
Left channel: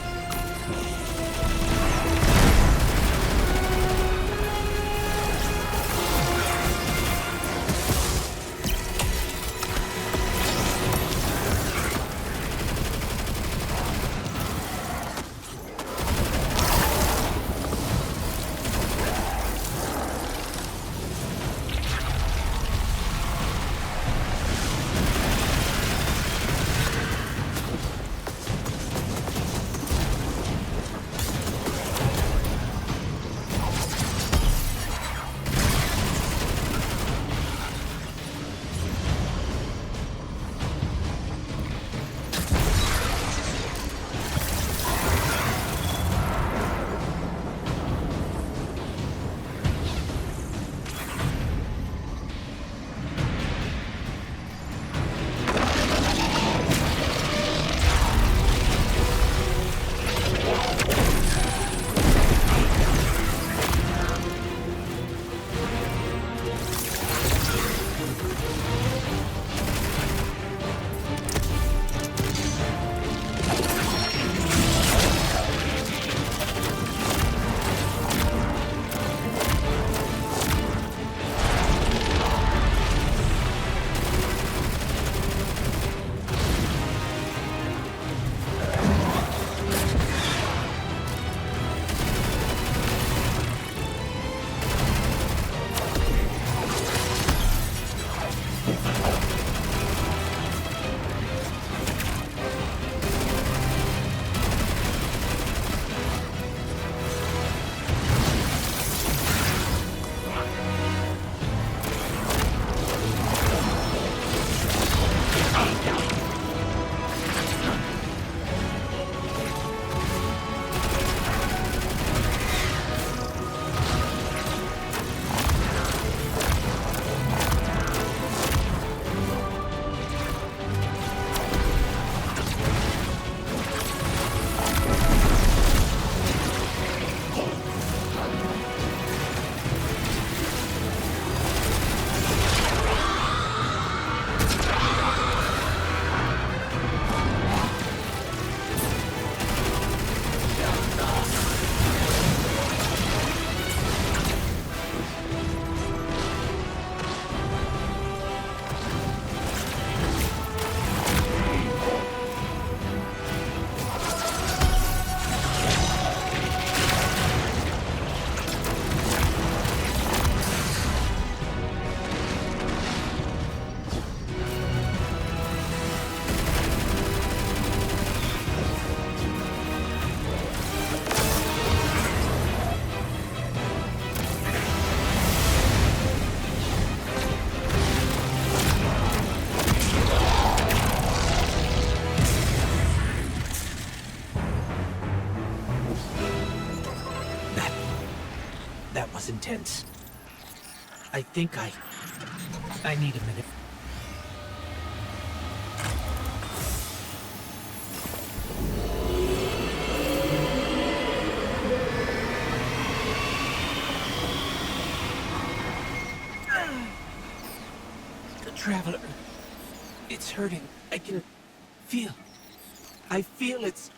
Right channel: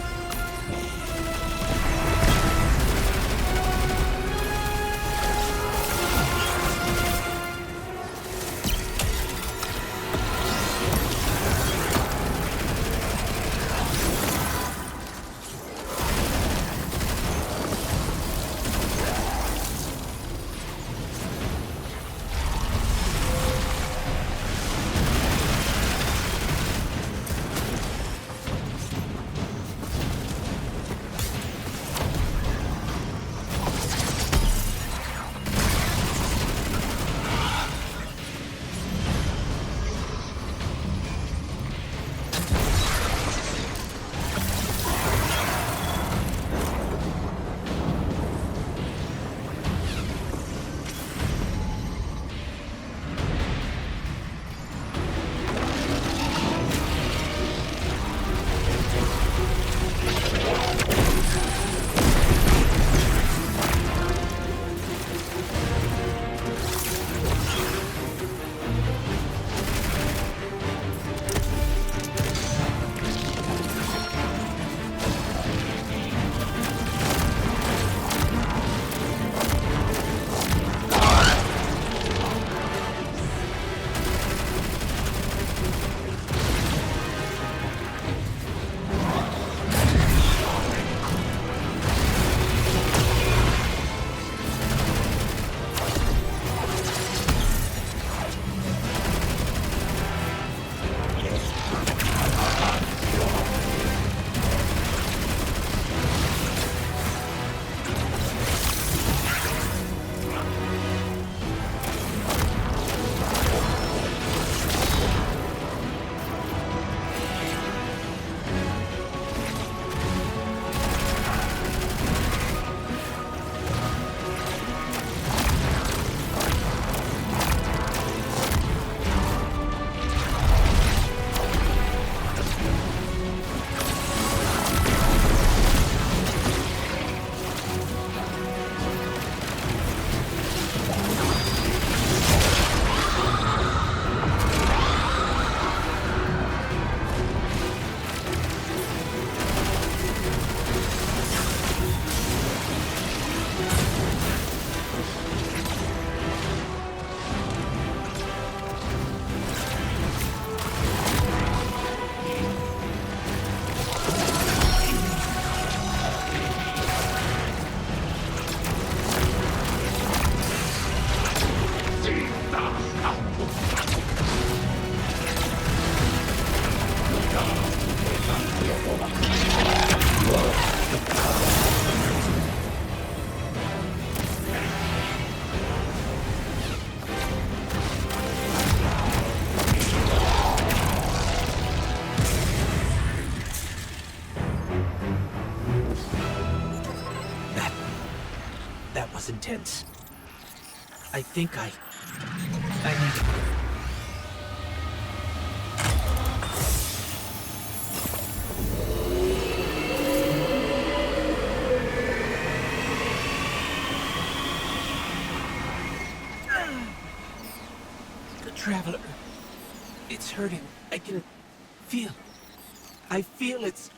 That was intense. I think I need a minute. The Traveler. It's hurting. I can feel. I feel it's...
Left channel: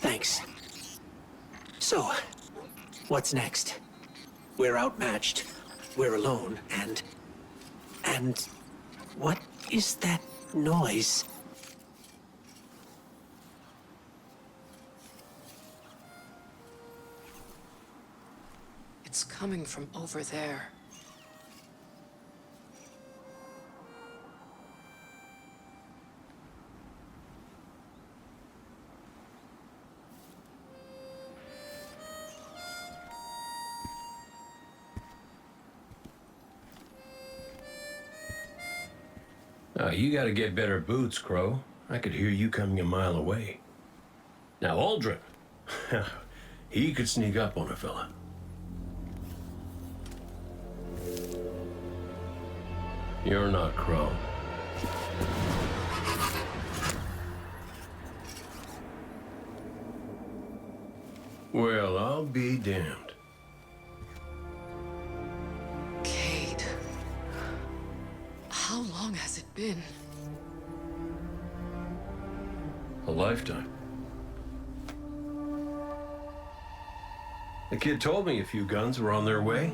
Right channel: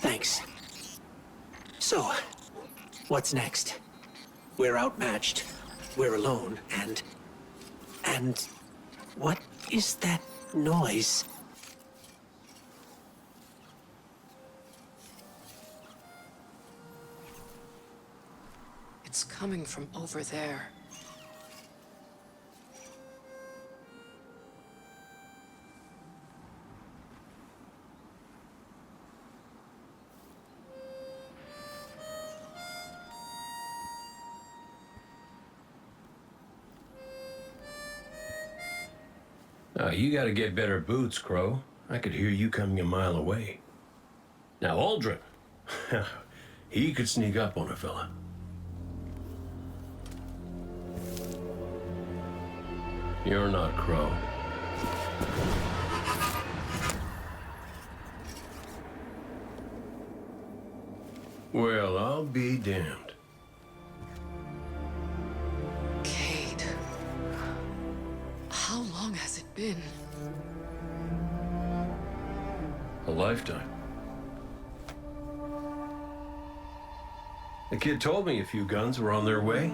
Thanks. So, what's next? We're outmatched. We're alone, and... what is that noise? It's coming from over there. You gotta get better boots, Crow. I could hear you coming a mile away. Now, Aldrin, he could sneak up on a fella. You're not Crow. Well, I'll be damned. How long has it been? A lifetime. The kid told me a few guns were on their way.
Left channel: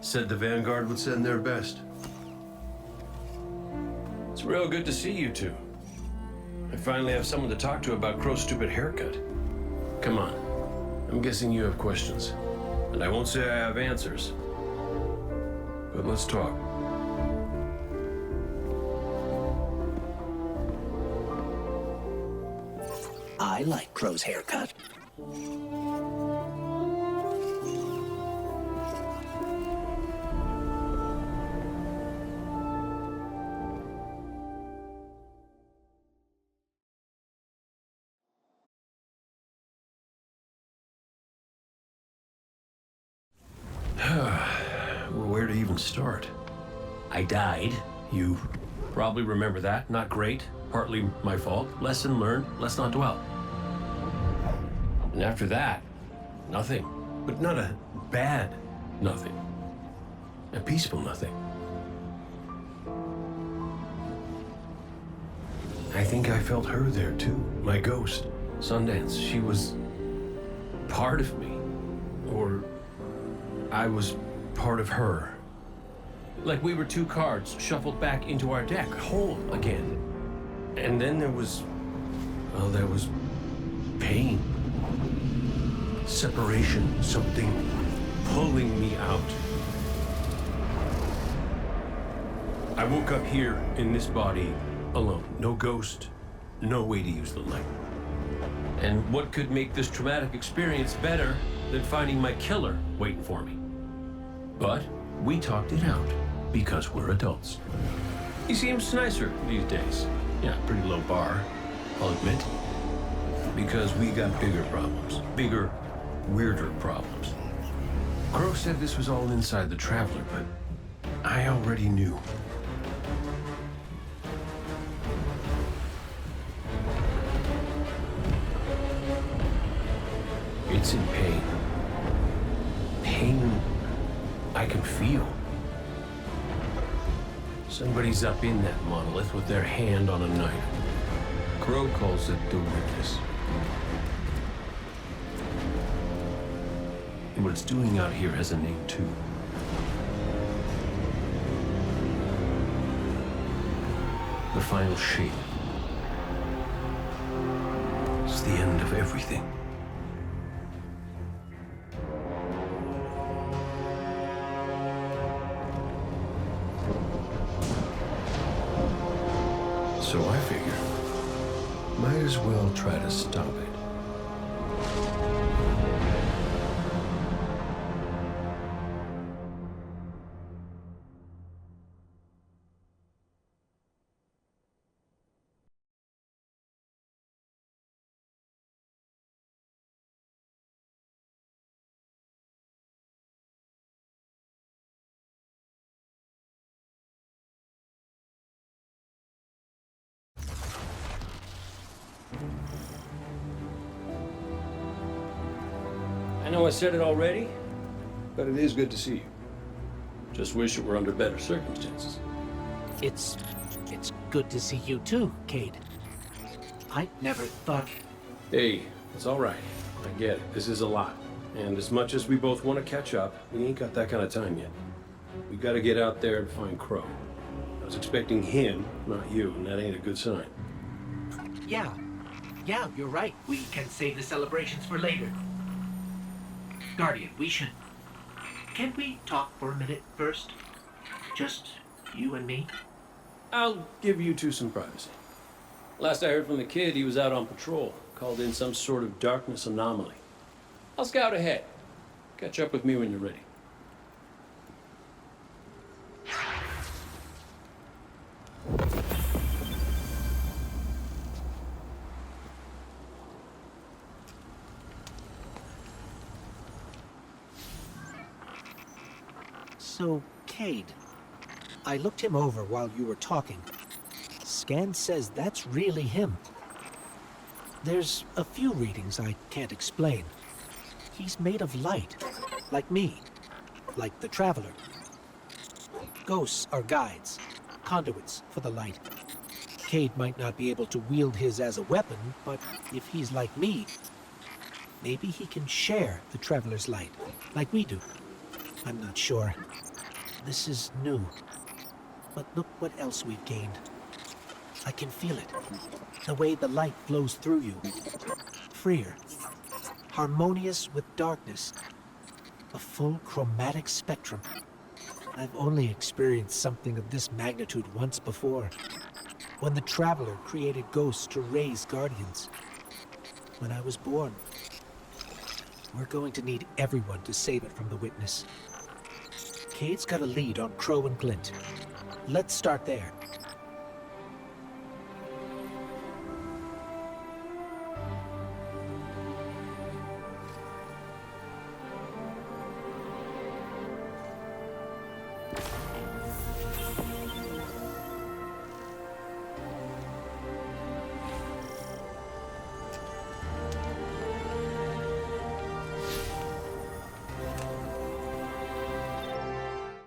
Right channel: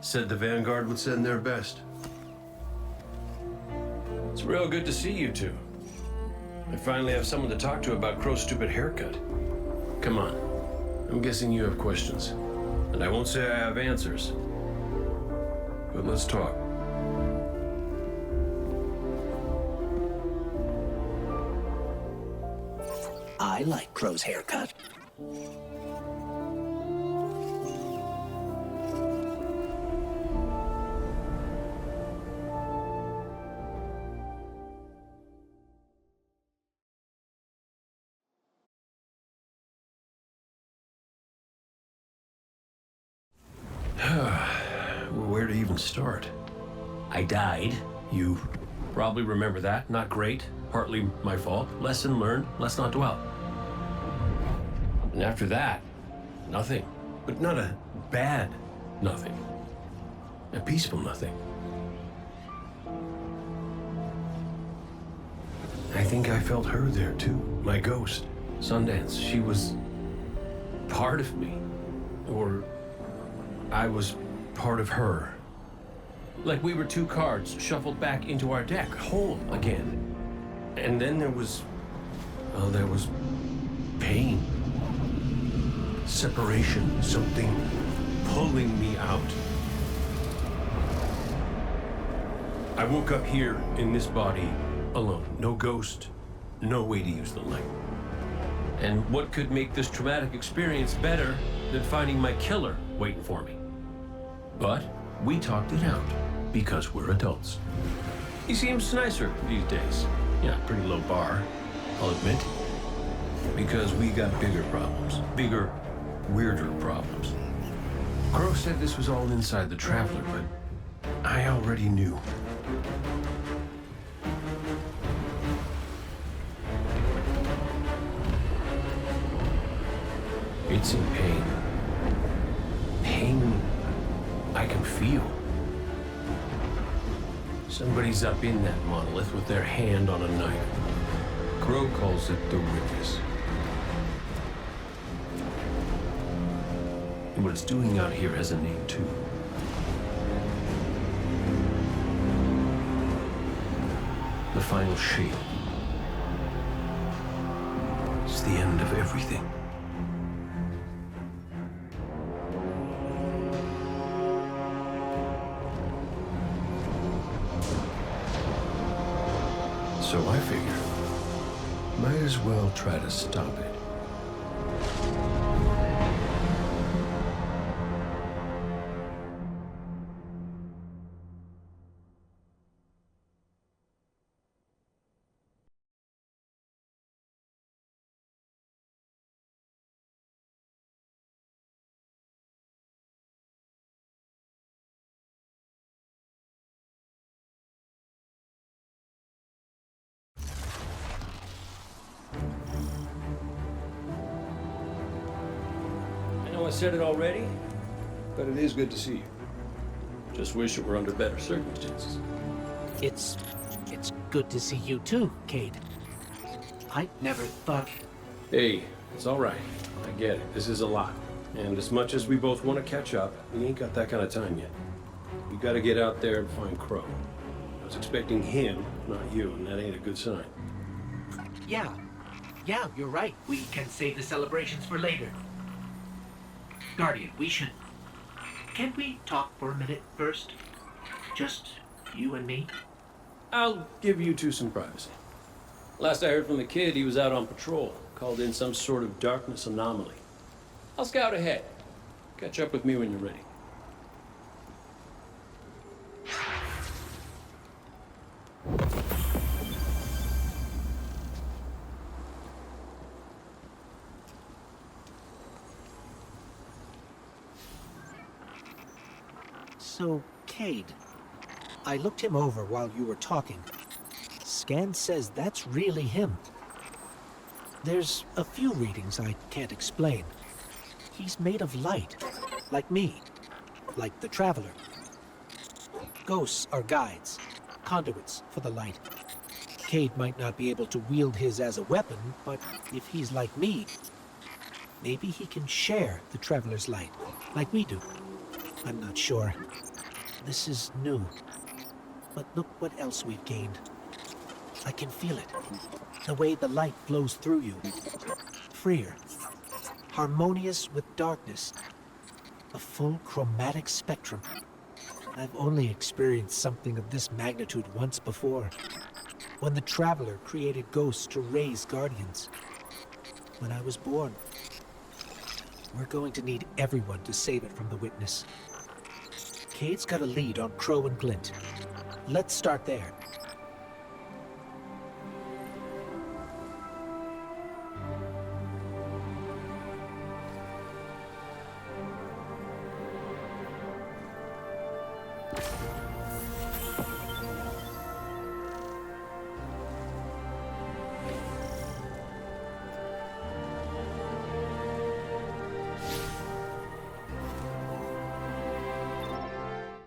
Said the Vanguard would send their best. It's real good to see you two. I finally have someone to talk to about Crow's stupid haircut. Come on. I'm guessing you have questions. And I won't say I have answers. But let's talk. I like Crow's haircut. Well, where to even start? I died. You probably remember that. Not great. Partly my fault. Lesson learned. Let's not dwell. And after that, nothing. But not a bad nothing. A peaceful nothing. I think I felt her there too. My ghost. Sundance. She was part of me. Or I was part of her. Like we were two cards shuffled back into our deck, whole again. And then there was pain. Separation, something pulling me out. I woke up here in this body alone. No ghost, no way to use the light. And what could make this traumatic experience better than finding my killer waiting for me? But we talked it out because we're adults. He seems nicer these days. Yeah, pretty low bar, I'll admit. Because we got bigger problems. Bigger, weirder problems. Crow said this was all inside the Traveler, but I already knew. It's in pain. Pain I can feel. Somebody's up in that monolith with their hand on a knife. Crow calls it the Witness. And what it's doing out here has a name too. The final shape. It's the end of everything. So I figure, might as well try to stop it. I know I said it already, but it is good to see you. Just wish it were under better circumstances. It's good to see you too, Cade. I never thought... Hey, it's all right. I get it. This is a lot. And as much as we both want to catch up, we ain't got that kind of time yet. We gotta get out there and find Crow. I was expecting him, not you, and that ain't a good sign. Yeah, you're right. We can save the celebrations for later. Guardian, we should... Can we talk for a minute first? Just you and me? I'll give you two some privacy. Last I heard from the kid, he was out on patrol, called in some sort of darkness anomaly. I'll scout ahead. Catch up with me when you're ready. So, Cade, I looked him over while you were talking. Scan says that's really him. There's a few readings I can't explain. He's made of light, like me, like the Traveler. Ghosts are guides, conduits for the light. Cade might not be able to wield his as a weapon, but if he's like me, maybe he can share the Traveler's light, like we do. I'm not sure. This is new. But look what else we've gained. I can feel it. The way the light flows through you. Freer. Harmonious with darkness. A full chromatic spectrum. I've only experienced something of this magnitude once before. When the Traveler created ghosts to raise guardians. When I was born. We're going to need everyone to save it from the Witness. Cade's got a lead on Crow and Glint. Let's start there.